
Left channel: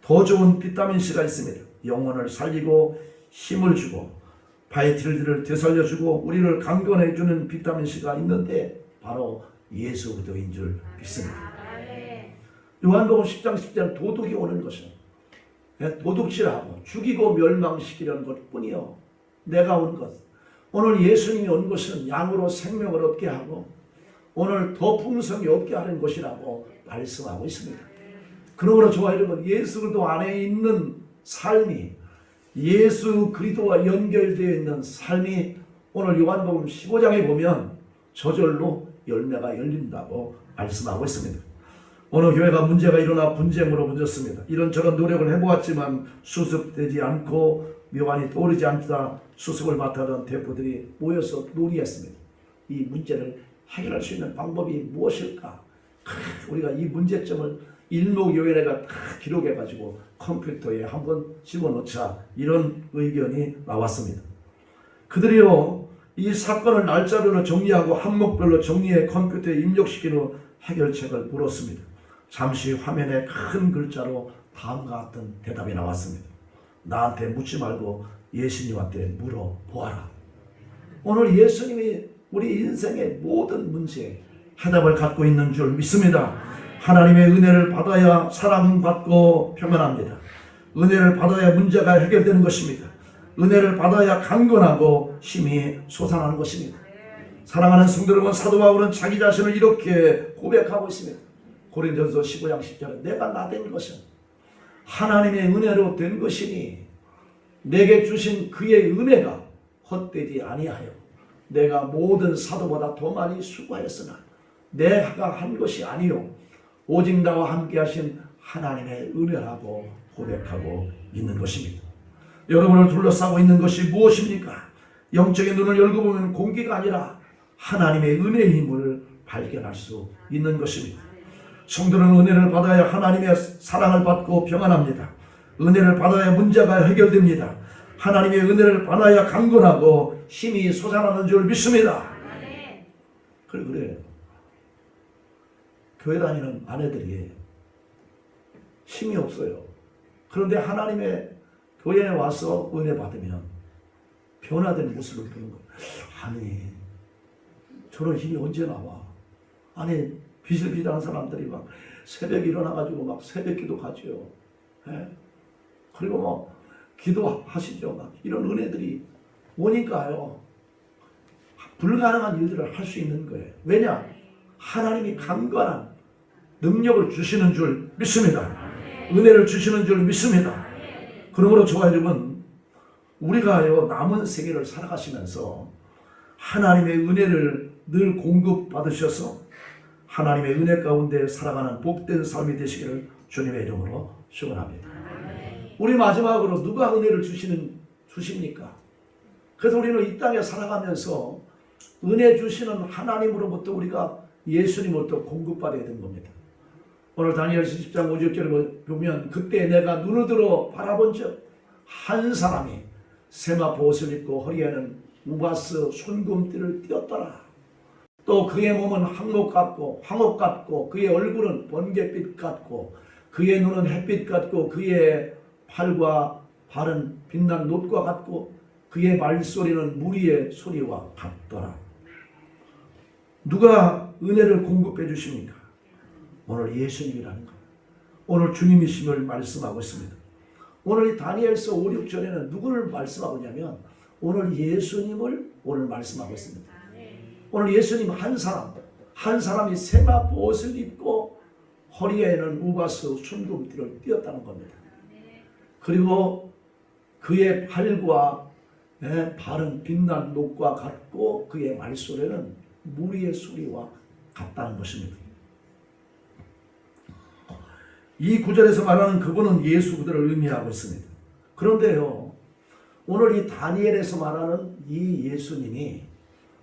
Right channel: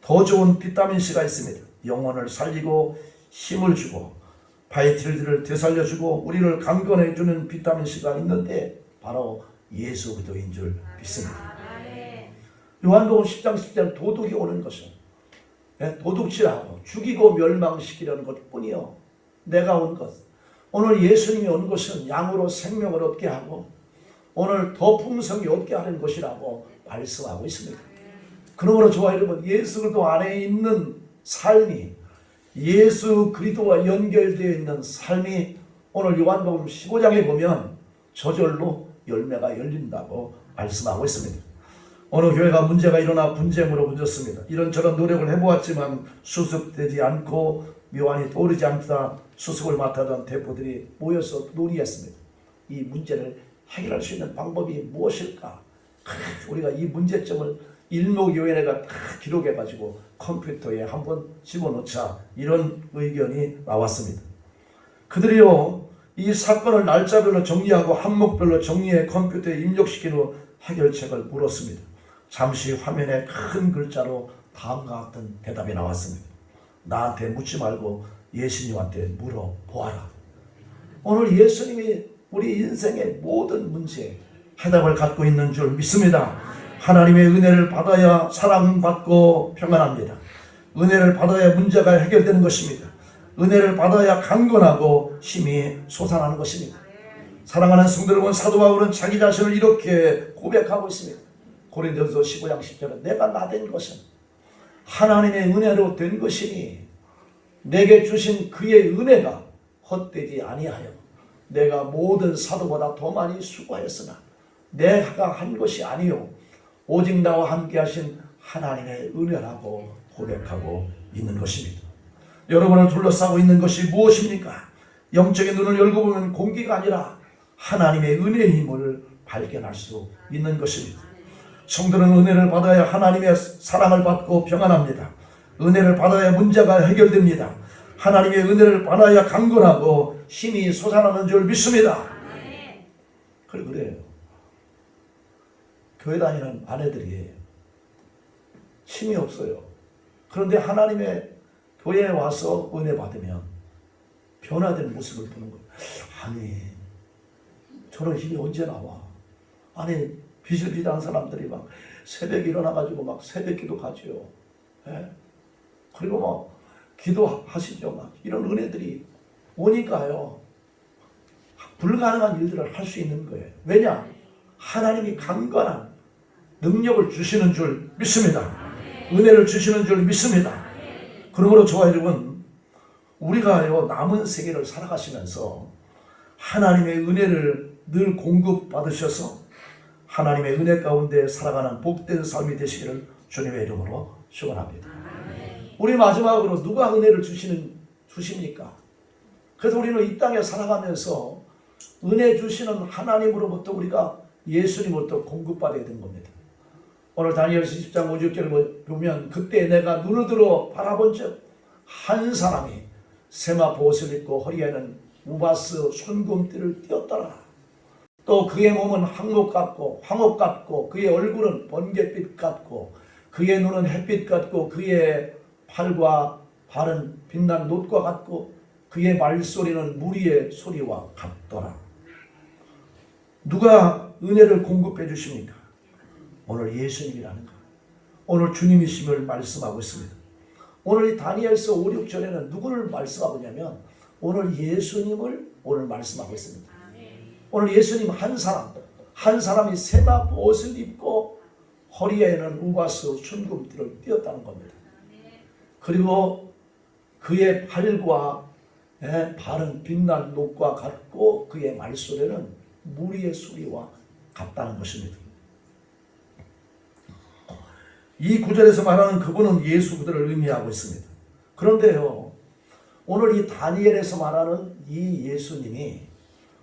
더 좋은 비타민 C가 있습니다. 영혼을 살리고 힘을 주고 바이탈들을 되살려주고 우리를 강건해 주는 비타민 C가 있는데 바로 예수 그리스도인 줄 믿습니다. 요한복음 10장 10절은 도둑이 오는 것은 도둑질하고 죽이고 멸망시키려는 것뿐이요. 내가 온 것. 오늘 예수님이 온 것은 양으로 생명을 얻게 하고 오늘 더 풍성히 얻게 하는 것이라고 말씀하고 있습니다. 그러므로 저와 여러분, 예수 그리스도 안에 있는 삶이 예수 그리스도와 연결되어 있는 삶이 오늘 요한복음 15장에 보면 저절로 열매가 열린다고 말씀하고 있습니다. 어느 교회가 문제가 일어나 분쟁으로 번졌습니다. 이런저런 노력을 해보았지만 수습되지 않고 묘안이 떠오르지 않다 수습을 맡아던 대표들이 모여서 논의했습니다. 이 문제를 해결할 수 있는 방법이 무엇일까? 우리가 이 문제점을 일목요연해가 다 기록해가지고 컴퓨터에 한번 집어넣자 이런 의견이 나왔습니다. 그들이요 이 사건을 날짜별로 정리하고 항목별로 정리해 컴퓨터에 입력시킨 후 해결책을 물었습니다. 잠시 화면에 큰 글자로 다음과 같은 대답이 나왔습니다. 나한테 묻지 말고 예수님한테 물어보아라. 오늘 예수님이 우리 인생의 모든 문제에 해답을 갖고 있는 줄 믿습니다. 하나님의 은혜를 받아야 사랑받고 평안합니다. 은혜를 받아야 문제가 해결되는 것입니다. 은혜를 받아야 강건하고 힘이 솟아나는 것입니다. 사랑하는 성도 여러분, 사도 바울은 자기 자신을 이렇게 고백하고 있습니다. 고린도전서 15장 10절에 내가 나된 것은 하나님의 은혜로 된 것이니 내게 주신 그의 은혜가 헛되지 아니하여 내가 모든 사도보다 더 많이 수고하였으나 내가 한 것이 아니요 오직 나와 함께 하신 하나님의 은혜라고 고백하고 있는 것입니다. 여러분을 둘러싸고 있는 것이 무엇입니까? 영적인 눈을 열고 보면 공기가 아니라 하나님의 은혜의 힘을 발견할 수 있는 것입니다. 성도는 은혜를 받아야 하나님의 사랑을 받고 평안합니다. 은혜를 받아야 문제가 해결됩니다. 하나님의 은혜를 받아야 강건하고 힘이 솟아나는 줄 믿습니다. 그래요. 교회 다니는 아내들이 힘이 없어요. 그런데 하나님의 교회에 와서 은혜 받으면 변화된 모습을 보는 거예요. 아니 저런 힘이 언제 나와? 아니 비실비실한 사람들이 막 새벽에 일어나가지고 막 새벽 기도 가죠. 예? 그리고 막 기도하시죠. 막 이런 은혜들이 오니까요. 불가능한 일들을 할 수 있는 거예요. 왜냐? 하나님이 강건한 능력을 주시는 줄 믿습니다. 은혜를 주시는 줄 믿습니다. 그러므로 저와 여러분, 우리가요 남은 세계를 살아가시면서 하나님의 은혜를 늘 공급받으셔서 하나님의 은혜 가운데 살아가는 복된 삶이 되시기를 주님의 이름으로 축원합니다. 우리 마지막으로 누가 은혜를 주십니까? 그래서 우리는 이 땅에 살아가면서 은혜 주시는 하나님으로부터 우리가 예수님으로부터 공급받아야 되는 겁니다. 오늘 다니엘서 10장 5절을 보면 그때 내가 눈을 들어 바라본 적 한 사람이 세마포 옷을 입고 허리에는 우바스 손금띠를 띄었더라. 또 그의 몸은 황옥 같고 그의 얼굴은 번갯빛 같고 그의 눈은 햇빛 같고 그의 팔과 발은 빛난 놋과 같고 그의 말소리는 무리의 소리와 같더라. 누가 은혜를 공급해 주십니까? 오늘 예수님이라는 것. 오늘 주님이심을 말씀하고 있습니다. 오늘 이 다니엘서 5, 6절에는 누구를 말씀하고 있냐면 오늘 예수님을 오늘 말씀하고 있습니다. 오늘 예수님 한 사람이 세마포 옷을 입고 허리에는 우바스 순금띠를 띄었다는 겁니다. 그리고 그의 팔과 발은 빛난 녹과 같고 그의 말소리는 무리의 소리와 같다는 것입니다. 이 구절에서 말하는 그분은 예수 그들을 의미하고 있습니다. 그런데요, 오늘 이 다니엘에서 말하는 이 예수님이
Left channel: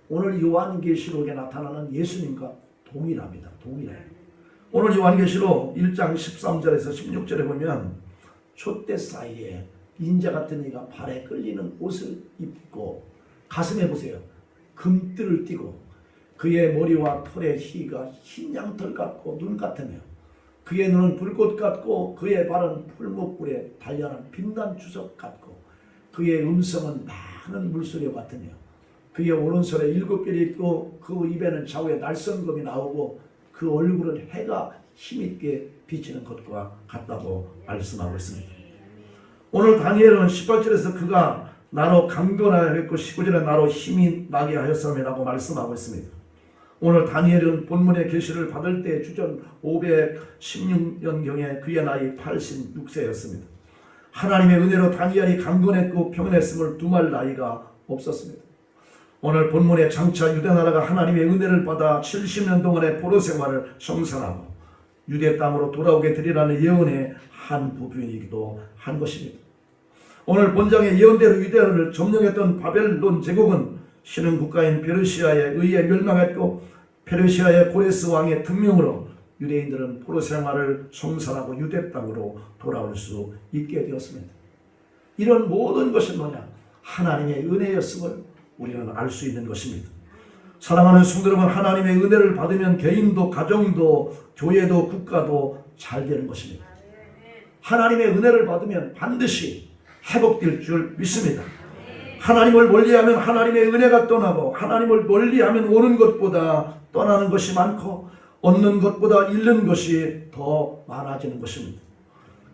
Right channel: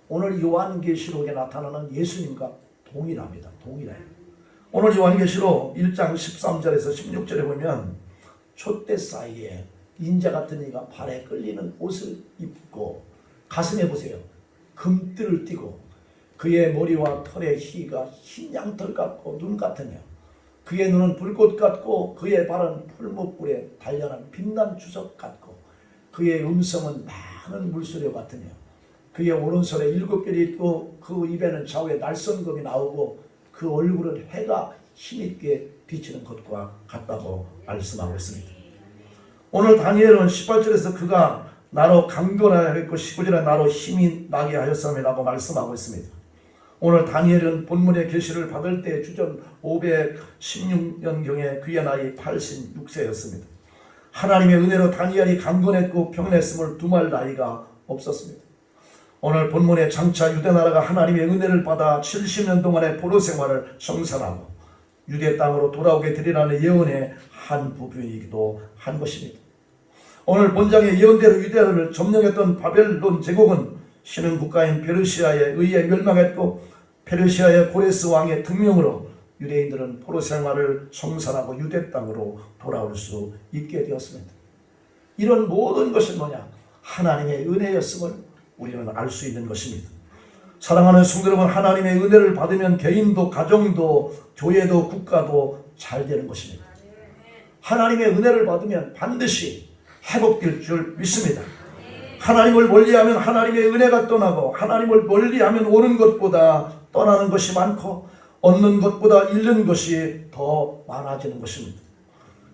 오늘 요한계시록에 나타나는 예수님과 동일합니다. 동일해요. 오늘 요한계시록 1장 13절에서 16절에 보면 촛대 사이에 인자 같은 이가 발에 끌리는 옷을 입고 가슴에 보세요. 금띠를 띠고 그의 머리와 털의 희가 흰 양털 같고 눈 같으며 그의 눈은 불꽃 같고 그의 발은 풀무불에 단련한 빛난 주석 같고 그의 음성은 많은 물소리 같으며 그의 오른손에 7별이 있고 그 입에는 좌우에 날성검이 나오고 그 얼굴은 해가 힘있게 비치는 것과 같다고 말씀하고 있습니다. 오늘 다니엘은 18절에서 그가 나로 강건하여 했고 19절에 나로 힘이 나게 하였음이라고 말씀하고 있습니다. 오늘 다니엘은 본문의 계시를 받을 때 주전 516년경에 그의 나이 86세였습니다. 하나님의 은혜로 다니엘이 강건했고 평안했음을 두말 나이가 없었습니다. 오늘 본문의 장차 유대나라가 하나님의 은혜를 받아 70년 동안의 포로 생활을 성산하고 유대 땅으로 돌아오게 되리라는 예언의 한 부분이기도 한 것입니다. 오늘 본장의 예언대로 유대를 점령했던 바벨론 제국은 신흥 국가인 페르시아에 의해 멸망했고 페르시아의 고레스 왕의 등명으로 유대인들은 포로 생활을 성산하고 유대 땅으로 돌아올 수 있게 되었습니다. 이런 모든 것은 뭐냐? 하나님의 은혜였음을 우리는 알 수 있는 것입니다. 사랑하는 성도 여러분, 하나님의 은혜를 받으면 개인도 가정도 교회도 국가도 잘 되는 것입니다. 하나님의 은혜를 받으면 반드시 회복될 줄 믿습니다. 하나님을 멀리하면 하나님의 은혜가 떠나고 하나님을 멀리하면 오는 것보다 떠나는 것이 많고 얻는 것보다 잃는 것이 더 많아지는 것입니다.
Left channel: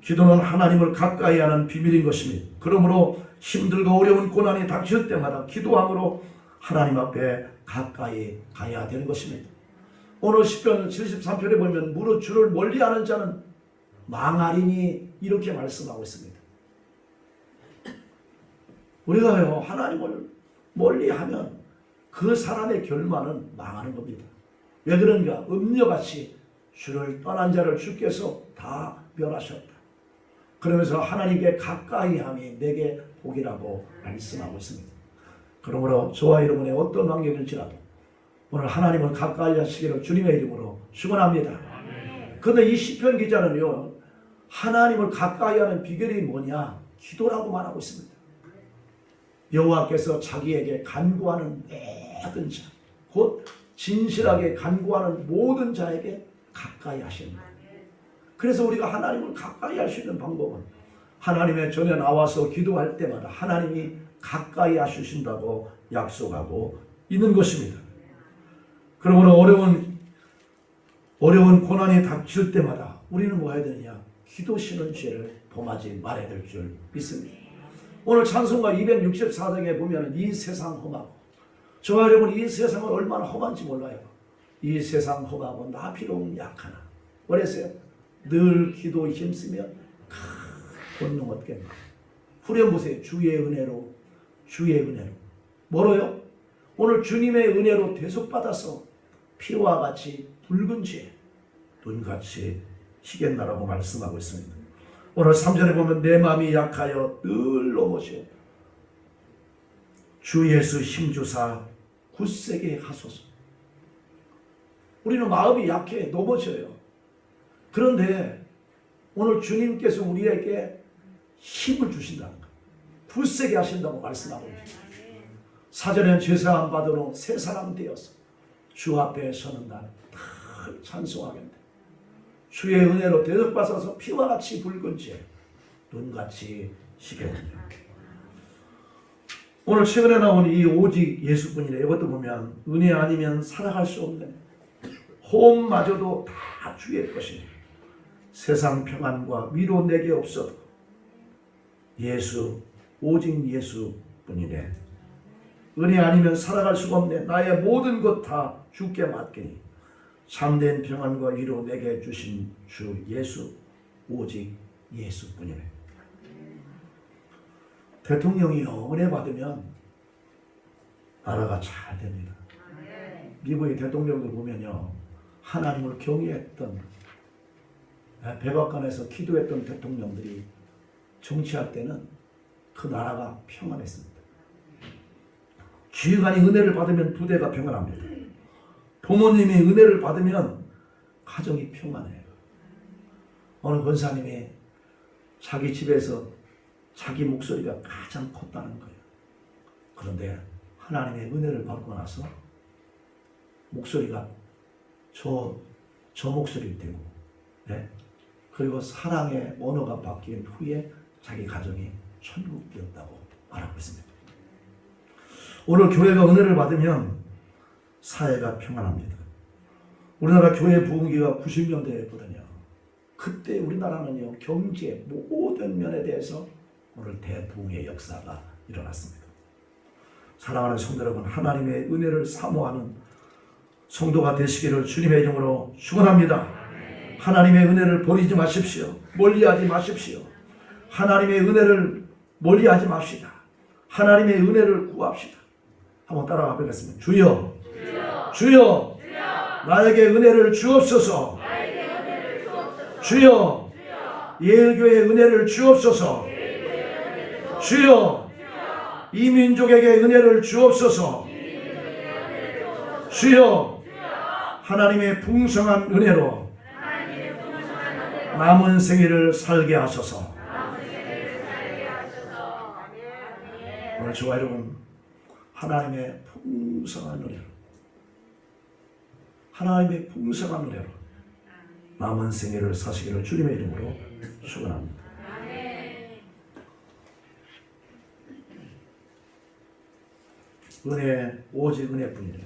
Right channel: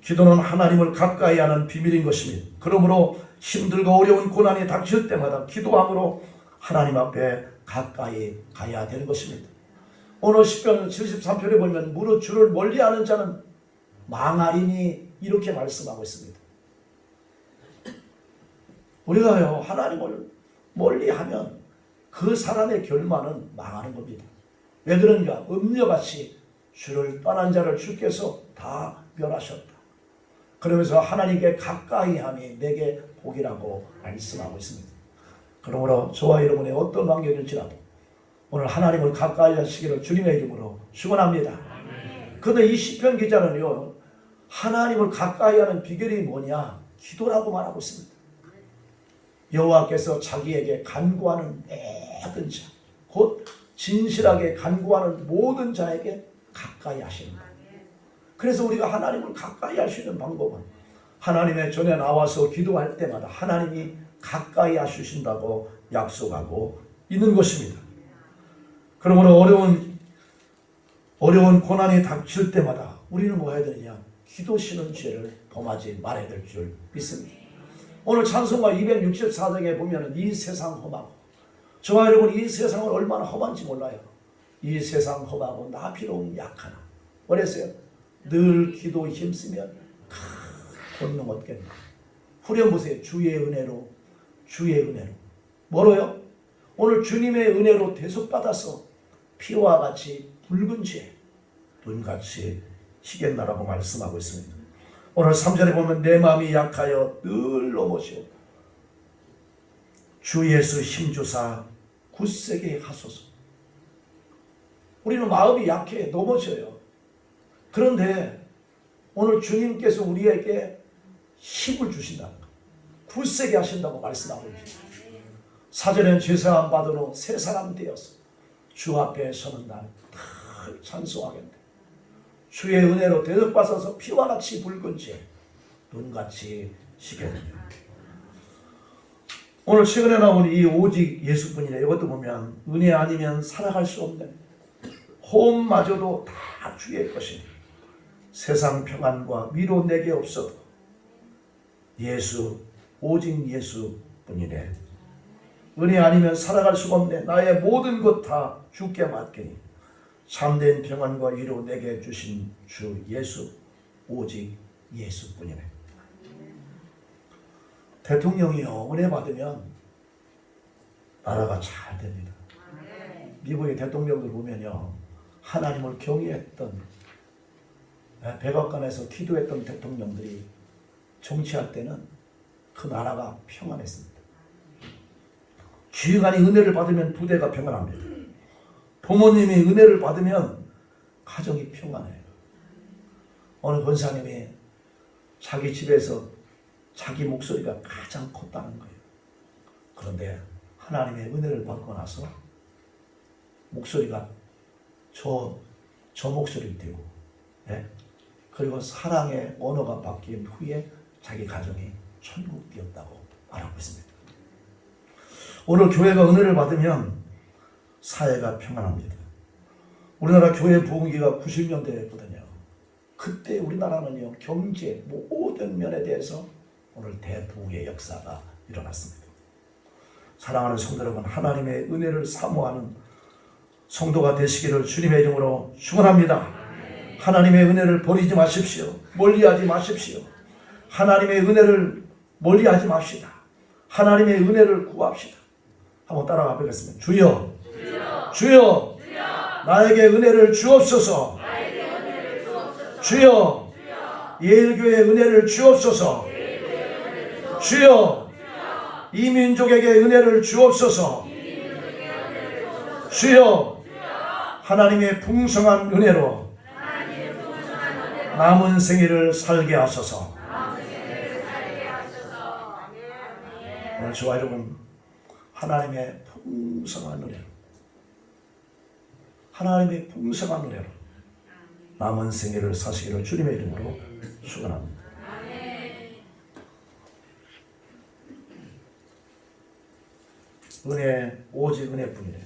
기도는 하나님을 가까이 하는 비밀인 것입니다. 그러므로 힘들고 어려운 고난이 닥칠 때마다 기도함으로 하나님 앞에 가까이 가야 되는 것입니다. 오늘 시편 73편에 보면 무릇 주를 멀리하는 자는 망하리니 이렇게 말씀하고 있습니다. 우리가요 하나님을 멀리하면 그 사람의 결말은 망하는 겁니다. 왜 그런가? 음녀같이 주를 떠난 자를 주께서 다 멸하셨다. 그러면서 하나님께 가까이함이 내게 복이라고 말씀하고 있습니다. 그러므로 저와 여러분의 어떤 환경일지라도 오늘 하나님을 가까이 하시기를 주님의 이름으로 축원합니다. 그런데 이 시편 기자는요 하나님을 가까이 하는 비결이 뭐냐? 기도라고 말하고 있습니다. 여호와께서 자기에게 간구하는 모든 자, 곧 진실하게 간구하는 모든 자에게 가까이 하십니다. 그래서 우리가 하나님을 가까이 할 수 있는 방법은 하나님의 전에 나와서 기도할 때마다 하나님이 가까이 하시신다고 약속하고 있는 것입니다. 그러므로 어려운 고난이 닥칠 때마다 우리는 뭐 해야 되느냐? 기도시는 죄를 범하지 말아야 될 줄 믿습니다. 오늘 찬송가 264장에 보면 이 세상 험하고 저와 여러분 이 세상은 얼마나 험한지 몰라요. 이 세상 험하고 나 비록 약하나 그랬어요. 늘 기도 힘쓰면 큰 권능 얻겠네. 후렴보세요. 주의 은혜로 뭐로요? 오늘 주님의 은혜로 대속받아서 피와 같이 붉은 죄 눈같이 희겠나라고 말씀하고 있습니다. 오늘 3절에 보면 내 마음이 약하여 늘 넘어지오 주 예수 힘주사 굳세게 하소서. 우리는 마음이 약해 넘어져요. 그런데 오늘 주님께서 우리에게 힘을 주신다는 거예요. 굳세게 하신다고 말씀하고 계십니다. 사전에 죄사함 받으러 새 사람 되어서 주 앞에 서는 날 늘 찬송하겠네. 주의 은혜로 대접받아서 피와 같이 붉은 죄 눈같이 시켰네. 오늘 최근에 나온 이 오직 예수뿐이네. 이것도 보면 은혜 아니면 살아갈 수 없는 호흡마저도 다 주의 것이니 세상 평안과 위로 내게 없어도 예수 오직 예수뿐이네. 은혜 아니면 살아갈 수가 없네. 나의 모든 것 다 주께 맡기니 참된 평안과 위로 내게 주신 주 예수 오직 예수뿐이네. 대통령이요 은혜 받으면 나라가 잘 됩니다. 미국의 대통령들 보면요 하나님을 경외했던 백악관에서 기도했던 대통령들이 정치할 때는 그 나라가 평안했습니다. 지휘관이 은혜를 받으면 부대가 평안합니다. 부모님이 은혜를 받으면 가정이 평안해요. 어느 권사님이 자기 집에서 자기 목소리가 가장 컸다는 거예요. 그런데 하나님의 은혜를 받고 나서 목소리가 저 목소리가 되고 그리고 사랑의 언어가 바뀐 후에 자기 가정이 천국 되었다고 말하고 있습니다. 오늘 교회가 은혜를 받으면 사회가 평안합니다. 우리나라 교회 부흥기가 90년대였거든요. 그때 우리나라는요 경제 모든 면에 대해서 오늘 대부흥의 역사가 일어났습니다. 사랑하는 성도 여러분, 하나님의 은혜를 사모하는 성도가 되시기를 주님의 이름으로 축원합니다. 하나님의 은혜를 버리지 마십시오. 멀리하지 마십시오. 하나님의 은혜를 멀리하지 맙시다. 하나님의 은혜를 구합시다. 한번 따라가 보겠습니다. 주여, 주여, 나에게 은혜를 주옵소서. 주여, 예일교회의 은혜를 주옵소서. 주여, 이 민족에게 은혜를 주옵소서. 주여, 하나님의 풍성한 은혜로 남은 생애를 살게 하소서. 오늘 저와 여러분 하나님의 풍성한 은혜로 남은 생애를 사시기를 주님의 이름으로 축원합니다. 은혜 오직 은혜뿐이래.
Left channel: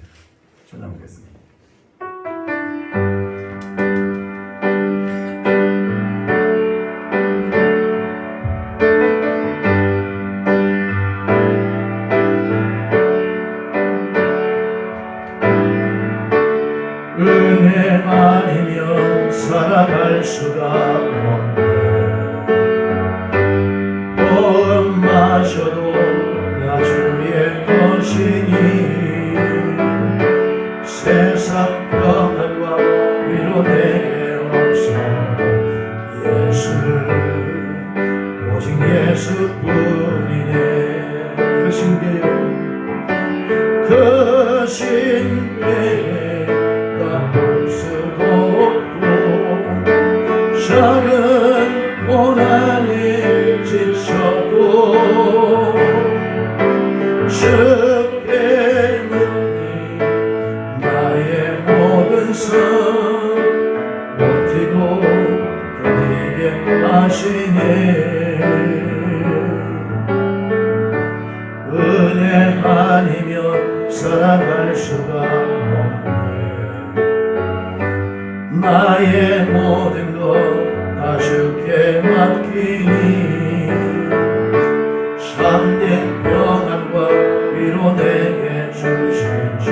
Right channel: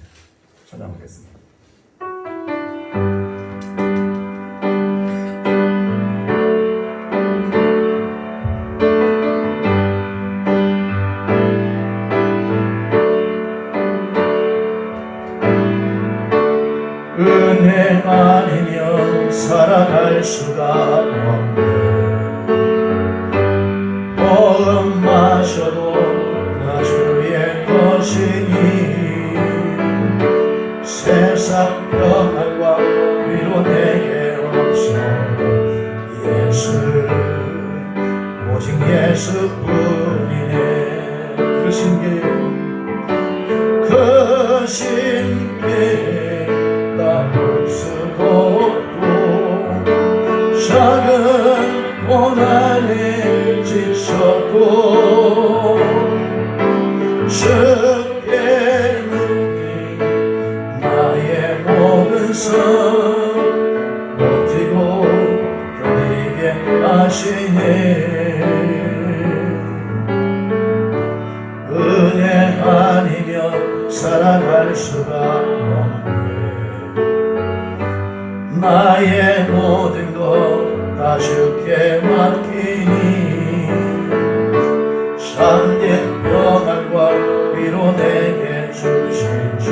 전하겠습니다. 은혜 아니면 살아갈 수가 없네. 보험 마셔도 다 주의 것이니 세상 평안과 위로 내게 없어도 예수를 오직 예수뿐이네. 그 신께 볼 수도 없고 작은 고난에 지쳐도 주께 묻니 나의 모든 성 버티고 견디게 하시네. 은혜 아니면 살아갈 수가 없네. 나의 모든 것 다 주께 맡기니 참된 평안과 위로 내게 주신 주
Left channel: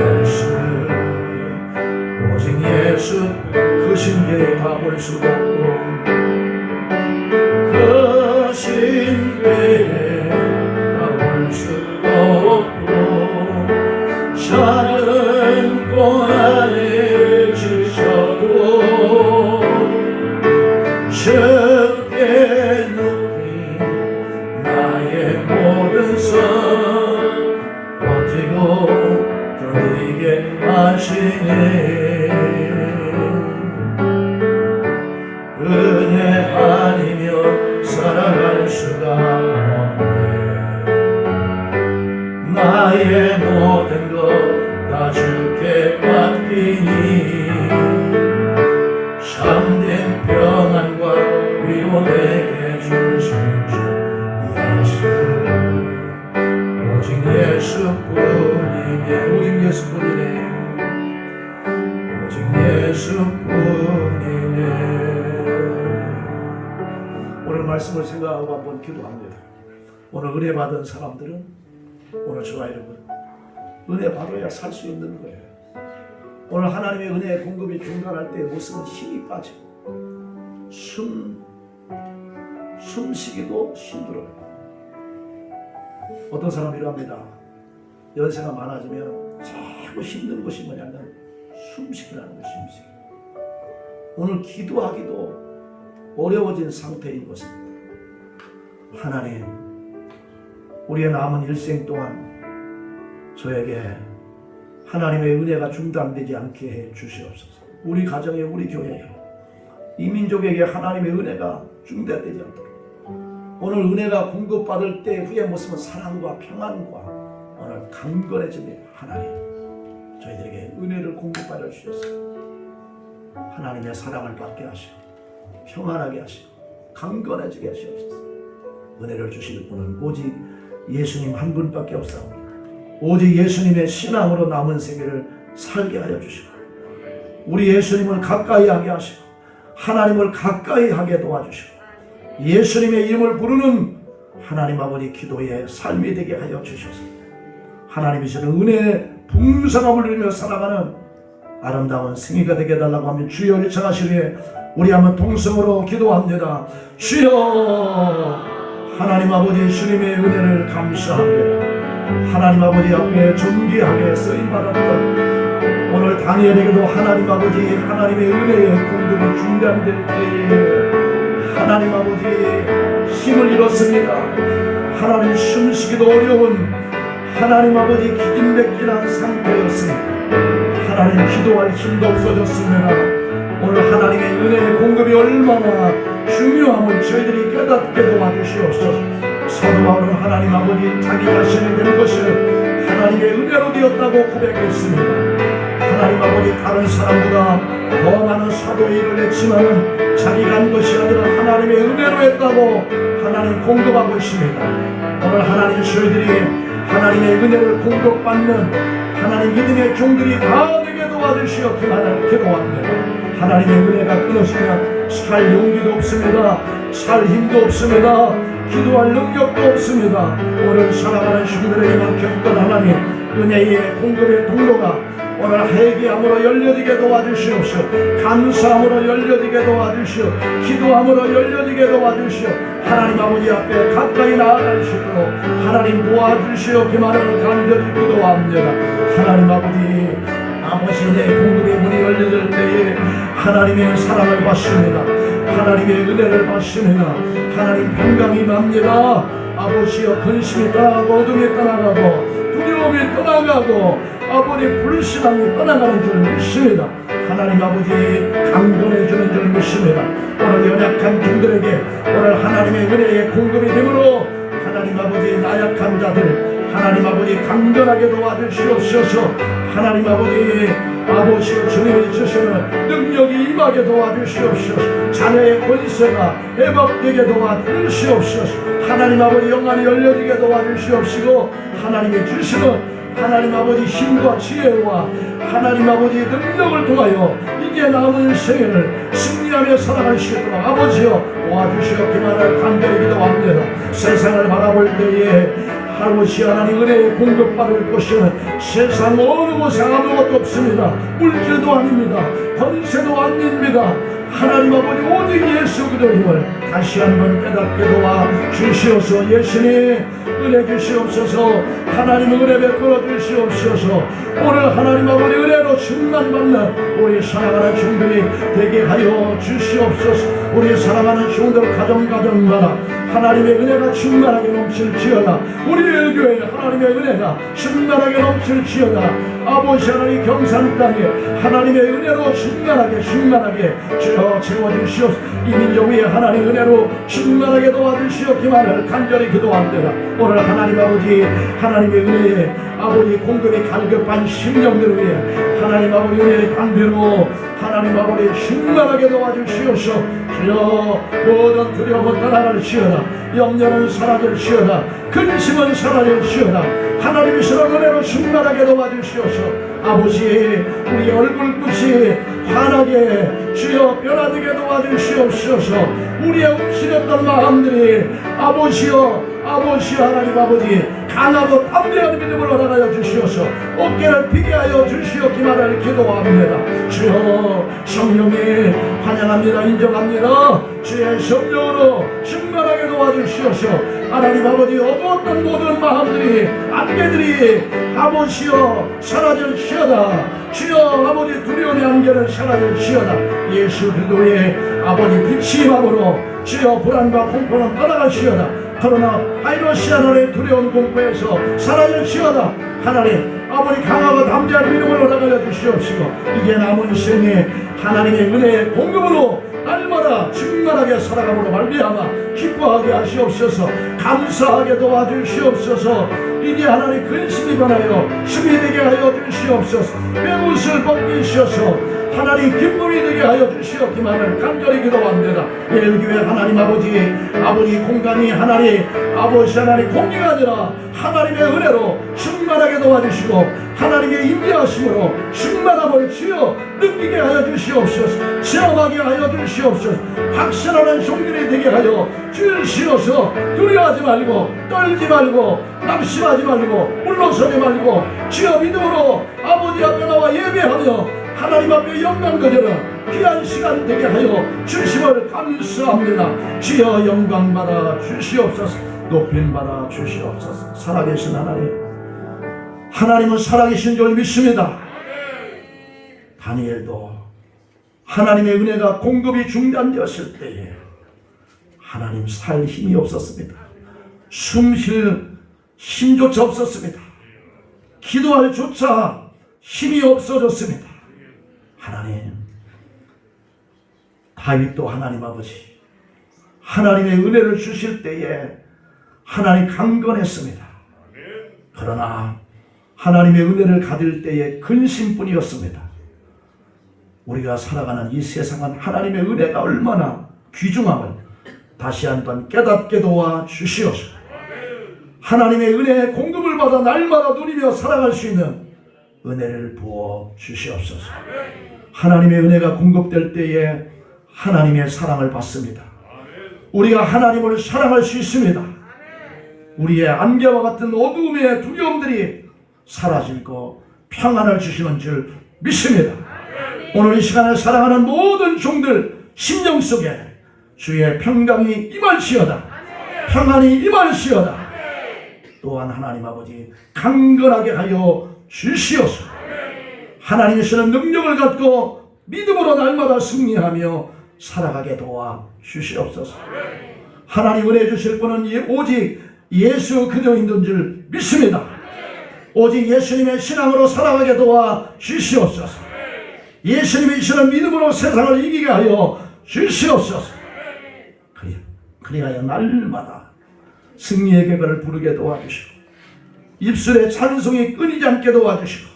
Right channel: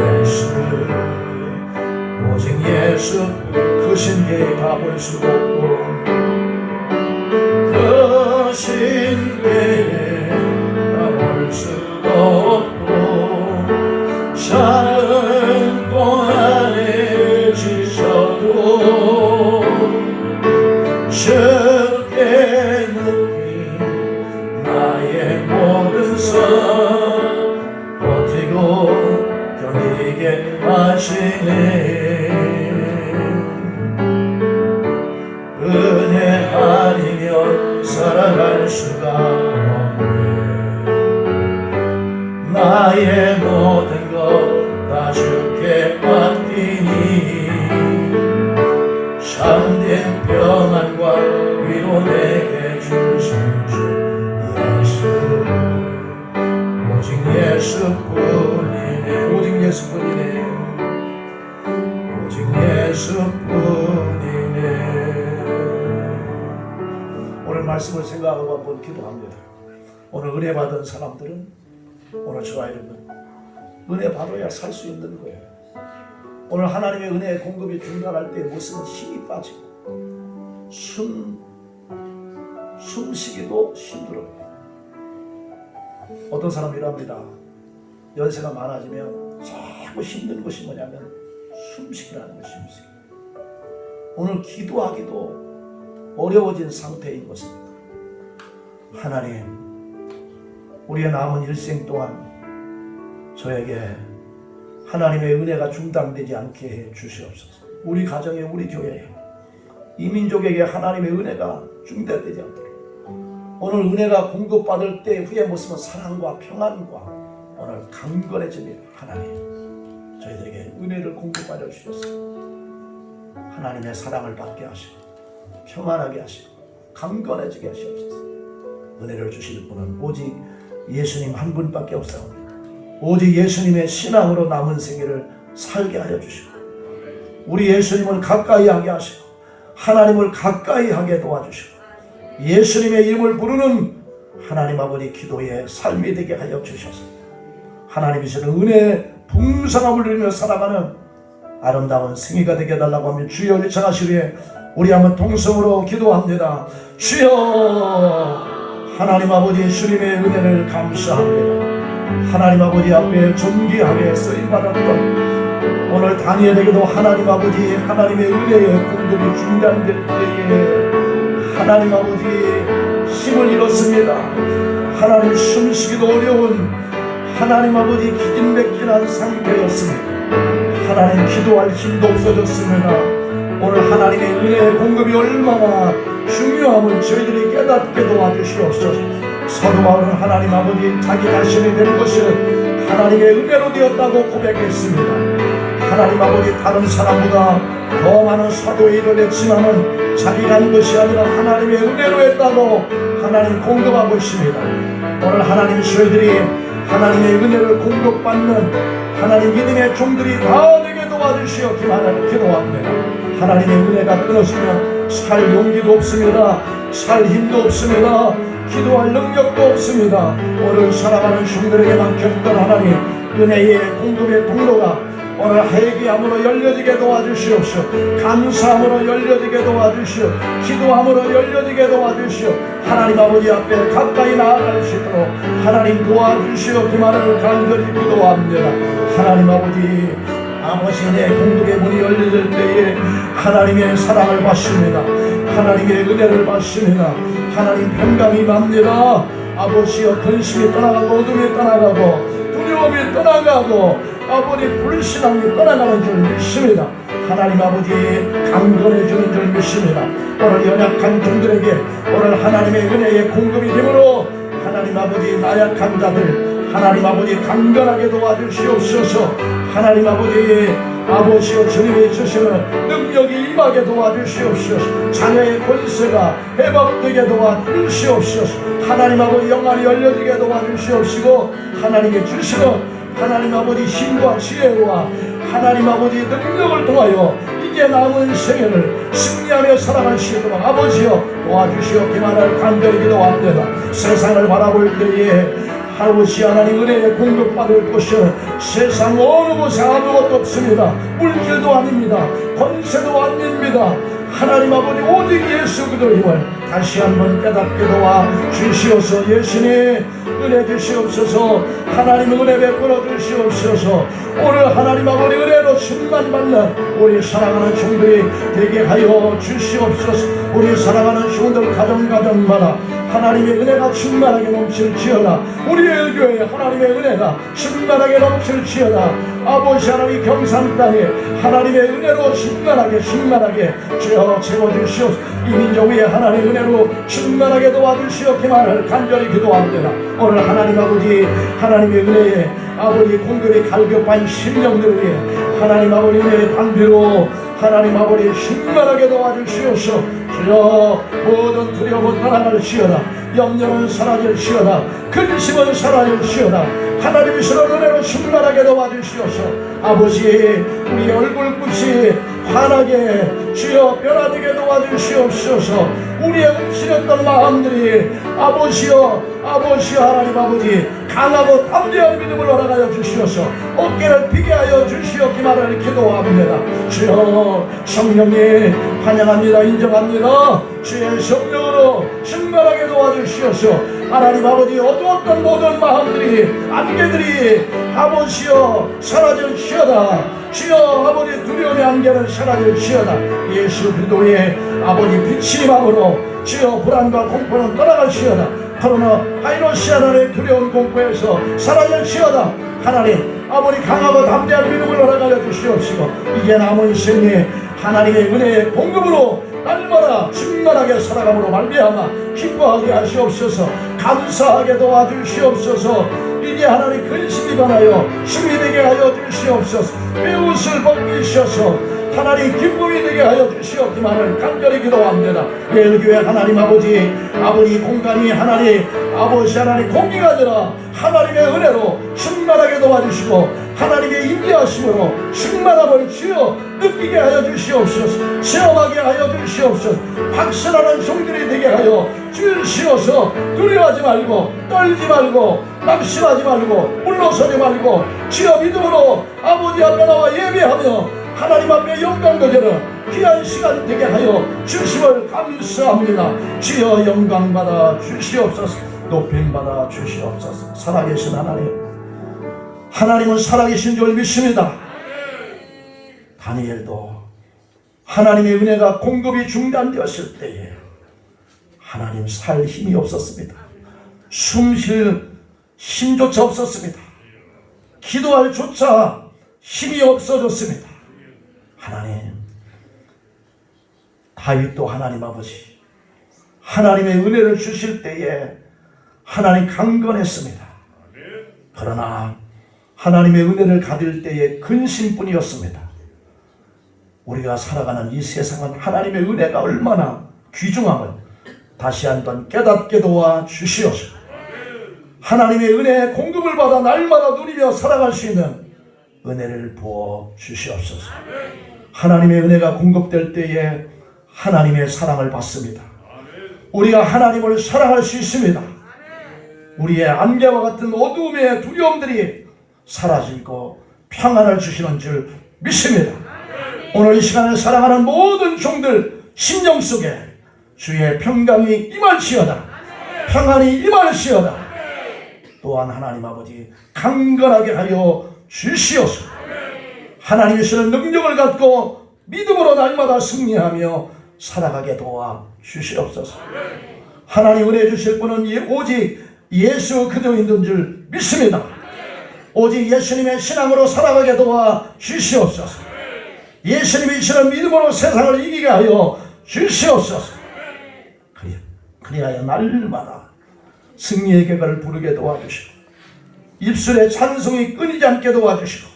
예수 오직 예수 그 신께 다 볼 수 없고 그 신께 다 볼 수 없고 작은 고난에 지쳐도 주께 눕히 나의 모든 성 버티고 견디게 하시네. 말씀을 생각하고 한번 기도합니다. 오늘 은혜 받은 사람들은 오늘 저와 여러분 은혜 받아야 살 수 있는 거예요. 오늘 하나님의 은혜의 공급이 중단할 때의 모습은 힘이 빠지고 숨쉬기도 힘들어요. 어떤 사람이 이랍니다. 연세가 많아지면 자꾸 힘든 것이 뭐냐면 숨쉬기라는 거예요. 숨쉬기. 오늘 기도하기도 어려워진 상태인 것입니다. 하나님, 우리의 남은 일생 동안 저에게 하나님의 은혜가 중단되지 않게 해 주시옵소서. 우리 가정에, 우리 교회에, 이 민족에게 하나님의 은혜가 중단되지 않도록 오늘 은혜가 공급받을 때 후의 모습은 사랑과 평안과 오늘 강건해집니다. 하나님, 저희들에게 은혜를 공급하여 주셔서 하나님의 사랑을 받게 하시고 평안하게 하시고 강건해지게 하시옵소서. 은혜를 주실 분은 오직 예수님 한 분밖에 없사옵니다. 오직 예수님의 신앙으로 남은 생애를 살게 하여 주시고 우리 예수님을 가까이 하게 하시고 하나님을 가까이 하게 도와주시고 예수님의 이름을 부르는 하나님 아버지 기도의 삶이 되게 하여 주셔서 하나님이 주는 은혜의 풍성함을 누리며 살아가는 아름다운 생애가 되게 해달라고 하면 주여 요청하시기에 우리 한번 통성으로 기도합니다. 주여, 하나님 아버지 주님의 은혜를 감사합니다. 하나님 아버지 앞에 존귀하게 쓰임받았던 오늘 다니엘에게도 하나님 아버지 하나님의 은혜의 공급이 중단될 때에 하나님 아버지 힘을 잃었습니다. 하나님 숨쉬기도 어려운 하나님 아버지 기진맥진한 상태였습니다. 하나님 기도할 힘도 없어졌습니다. 오늘 하나님의 은혜의 공급이 얼마나 중요함을 저희들이 깨닫게 도와주시옵소서. 사도 바울은 하나님 아버지 자기 자신이 된 것을 하나님의 은혜로 되었다고 고백했습니다. 하나님 아버지 다른 사람보다 더 많은 사도의 일을 했지만은 자기가 한 것이 아니라 하나님의 은혜로 했다고 하나님 공급하고 있습니다. 오늘 하나님 저희들이 하나님의 은혜를 공급받는 하나님 믿음의 종들이 다 되게 도와주시어 기도합니다. 하나님의 은혜가 끊어지면 살 용기도 없습니다. 살 힘도 없습니다. 기도할 능력도 없습니다. 오늘 살아가는 종들에게 맡겼던 하나님 은혜의 공급의 통로가 오늘 회개함으로 열려지게 도와주시옵시오. 감사함으로 열려지게 도와주시오. 기도함으로 열려지게 도와주시오. 하나님 아버지 앞에 가까이 나아갈 수 있도록 하나님 도와주시오. 그 말을 간절히 기도합니다. 하나님 아버지 내 공급의 문이 열려질 때에 하나님의 사랑을 받습니다. 하나님의 은혜를 받습니다. 하나님 평강이 납니다. 아버지여 근심이 떠나가고 어둠이 떠나가고 두려움이 떠나가고 아버지 불신함이 떠나가는 줄 믿습니다. 하나님 아버지 강건해주는 줄 믿습니다. 오늘 연약한 종들에게 오늘 하나님의 은혜의 공급이 되므로 하나님 아버지 나약한 자들 하나님 아버지 강건하게 도와주시옵소서. 하나님 아버지여 주님이 주시는 능력이 임하게 도와주시옵소서. 자녀의 권세가 회복되게 도와주시옵소서. 하나님 아버지 영안이 열려지게 도와주시옵시고 하나님의 주시는 하나님 아버지 힘과 지혜와 하나님 아버지 능력을 통하여 이제 남은 생애를 승리하며 살아갈 수 있도록 아버지여 도와주시옵기만을 간절히 기도합니다. 세상을 바라볼 때에 아버지 하나님 은혜에 공급받을 곳은 세상 어느 곳에 아무것도 없습니다. 물질도 아닙니다. 권세도 아닙니다. 하나님 아버지 오직 예수 그리스도의 힘을 다시 한번 깨닫게 도와 주시옵소서. 예수님 은혜 주시옵소서. 하나님 은혜 베풀어 주시옵소서. 오늘 하나님 아버지 은혜로 충만받는 우리 사랑하는 종들이 되게 하여 주시옵소서. 우리 사랑하는 종들 가정마다 하나님의 은혜가 충만하게 넘칠지어다. 우리의 교회에 하나님의 은혜가 충만하게 넘칠지어다. 아버지 하나님 경산 땅에 하나님의 은혜로 충만하게 채워주시옵소서. 이 민족 위에 하나님 은혜로 충만하게 도와주시옵기만을 간절히 기도합니다. 오늘 하나님 아버지 하나님의 은혜에 아버지 공급이 갈급한 심령들을 위해 하나님 아버지 은혜의 방비로 하나님 아버지 충만하게 도와주시옵소서. 주여 모든 두려움은 떠나갈지어다. 염려는 사라질지어다. 근심은 사라질지어다. 하나님의 신의 은혜로 충만하게 도와주시옵소서. 아버지 우리의 얼굴빛이 환하게 주여 변화되게 도와주시옵소서. 우리의 움츠렸던 마음들이 아버지여 하나님 아버지 강하고 담대한 믿음을 허락하여 주시옵소서. 어깨를 피게 하여 주시옵기만을 기도합니다. 주여 성령님 환영합니다. 인정합니다. 주의 성령으로 충만하게 도와주시옵소서. 하나님 아버지 어두웠던 모든 마음들이 안개들이 아버지여 사라질지어다. 주여 아버지 두려움의 안개는 사라질지어다. 예수 그리스도의 아버지 빛이 임함으로 주여 불안과 공포는 떠나갈지어다. 코로나 바이러스 하나님의 두려운 공포에서 사라질지어다. 하나님 아버지 강하고 담대한 믿음을 허락하여 주시옵시고 이제 남은 생에 하나님의 은혜의 공급으로 날마다 충만하게 살아감으로 말미암아 기뻐하게 하시옵소서. 감사하게 도와주시옵소서. 이제 하나님 근심이 변하여 힘이 되게 하여 주시옵소서. 뼈옷을 벗기셔서 하나님 기쁨이 되게 하여 주시옵기만을 간절히 기도합니다. 예수교회 하나님 아버지 공간이 하나님 아버지 하나님 공기가 아니라 하나님의 은혜로 충만하게 도와주시고 하나님의 임재하심으로 충만함을 주여 느끼게 하여 주시옵소서. 체험하게 하여 주시옵소서. 확신하는 종들이 되게 하여 주시옵소서. 두려워하지 말고 떨지 말고 낙심하지 말고 물러서지 말고 주여 믿음으로 아버지 앞에 나와 예배하며 하나님 앞에 영광 거저는 귀한 시간 되게 하여 주심을 감사합니다. 주여 영광 받아 주시옵소서. 높임 받아 주시옵소서. 살아계신 하나님은 살아계신 줄 믿습니다. 다니엘도 하나님의 은혜가 공급이 중단되었을 때에 하나님 살 힘이 없었습니다. 숨 쉴 힘조차 없었습니다. 기도할 조차 힘이 없어졌습니다. 하나님 다윗도 하나님 아버지 하나님의 은혜를 주실 때에 하나님 강건했습니다. 그러나 하나님의 은혜를 가질 때에 근심뿐이었습니다. 우리가 살아가는 이 세상은 하나님의 은혜가 얼마나 귀중함을 다시 한번 깨닫게 도와 주시옵소서. 하나님의 은혜의 공급을 받아 날마다 누리며 살아갈 수 있는 은혜를 부어 주시옵소서. 하나님의 은혜가 공급될 때에 하나님의 사랑을 받습니다. 우리가 하나님을 사랑할 수 있습니다. 우리의 안개와 같은 어두움의 두려움들이 사라지고 평안을 주시는 줄 믿습니다. 오늘 이 시간에 사랑하는 모든 종들 심령 속에 주의 평강이 임할지어다. 평안이 임할지어다. 또한 하나님 아버지 강건하게 하여 주시옵소서. 하나님의 주는 능력을 갖고 믿음으로 날마다 승리하며 살아가게 도와 주시옵소서. 하나님 은혜 주실 분은 오직 예수 그리스도인 줄 믿습니다. 오직 예수님의 신앙으로 살아가게 도와 주시옵소서. 예수님이 주는 믿음으로 세상을 이기게 하여 주시옵소서. 그리하여 날마다 승리의 계가를 부르게 도와주시고 입술의 찬송이 끊이지 않게 도와주시고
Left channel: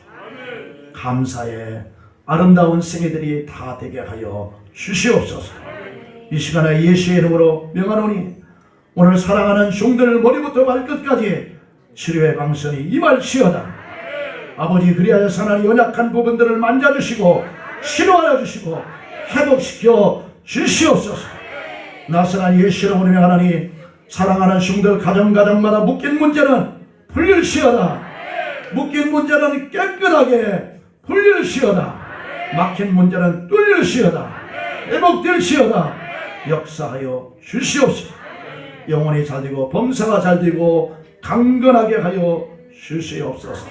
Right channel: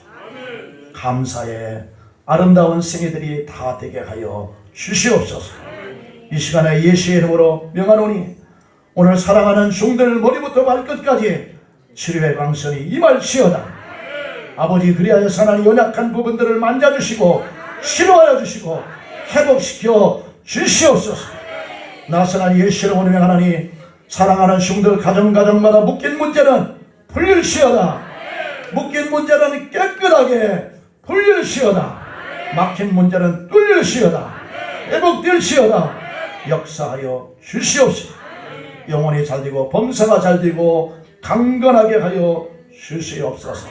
감사의 아름다운 생애들이 다 되게 하여 주시옵소서. 이 시간에 예수의 이름으로 명하노니 오늘 사랑하는 종들을 머리부터 발끝까지 치료의 방선이 임할지어다. 아버지 그리하여 하나님 연약한 부분들을 만져주시고 치료하여 주시고 회복시켜 주시옵소서. 나선한 예수의 이름으로 명하노니 사랑하는 종들 가정마다 묶인 문제는 풀릴지어다. 묶인 문제는 깨끗하게 풀릴지어다. 막힌 문제는 뚫릴지어다. 회복될지어다. 역사하여 주시옵소서. 영혼이 잘되고 범사가 잘되고 강건하게 하여 주시옵소서.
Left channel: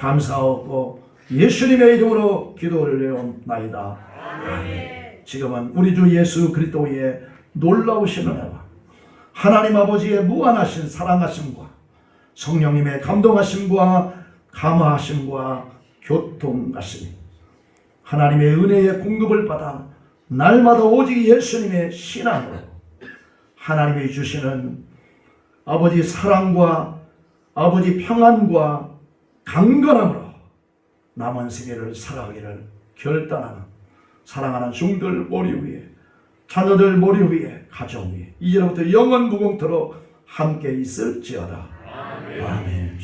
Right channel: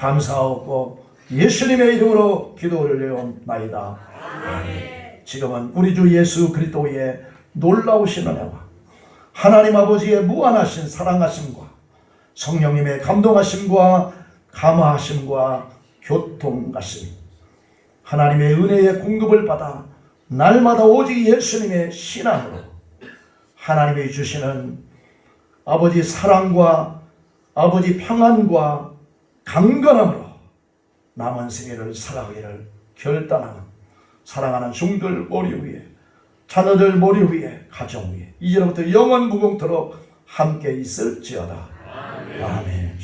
감사하고 예수님의 이름으로 기도를 올려옵나이다. 지금은 우리 주 예수 그리스도의 놀라우신 은혜와 하나님 아버지의 무한하신 사랑하심과 성령님의 감동하심과 감화하심과 교통하심, 하나님의 은혜의 공급을 받아 날마다 오직 예수님의 신앙으로 하나님이 주시는 아버지 사랑과 아버지 평안과 강건함으로 남은 생애를 살아가기를 결단하는 사랑하는 종들 머리 위에 자녀들 머리 위에 가정 위에 이제부터 영원 무궁토록 함께 있을지어다. 아멘.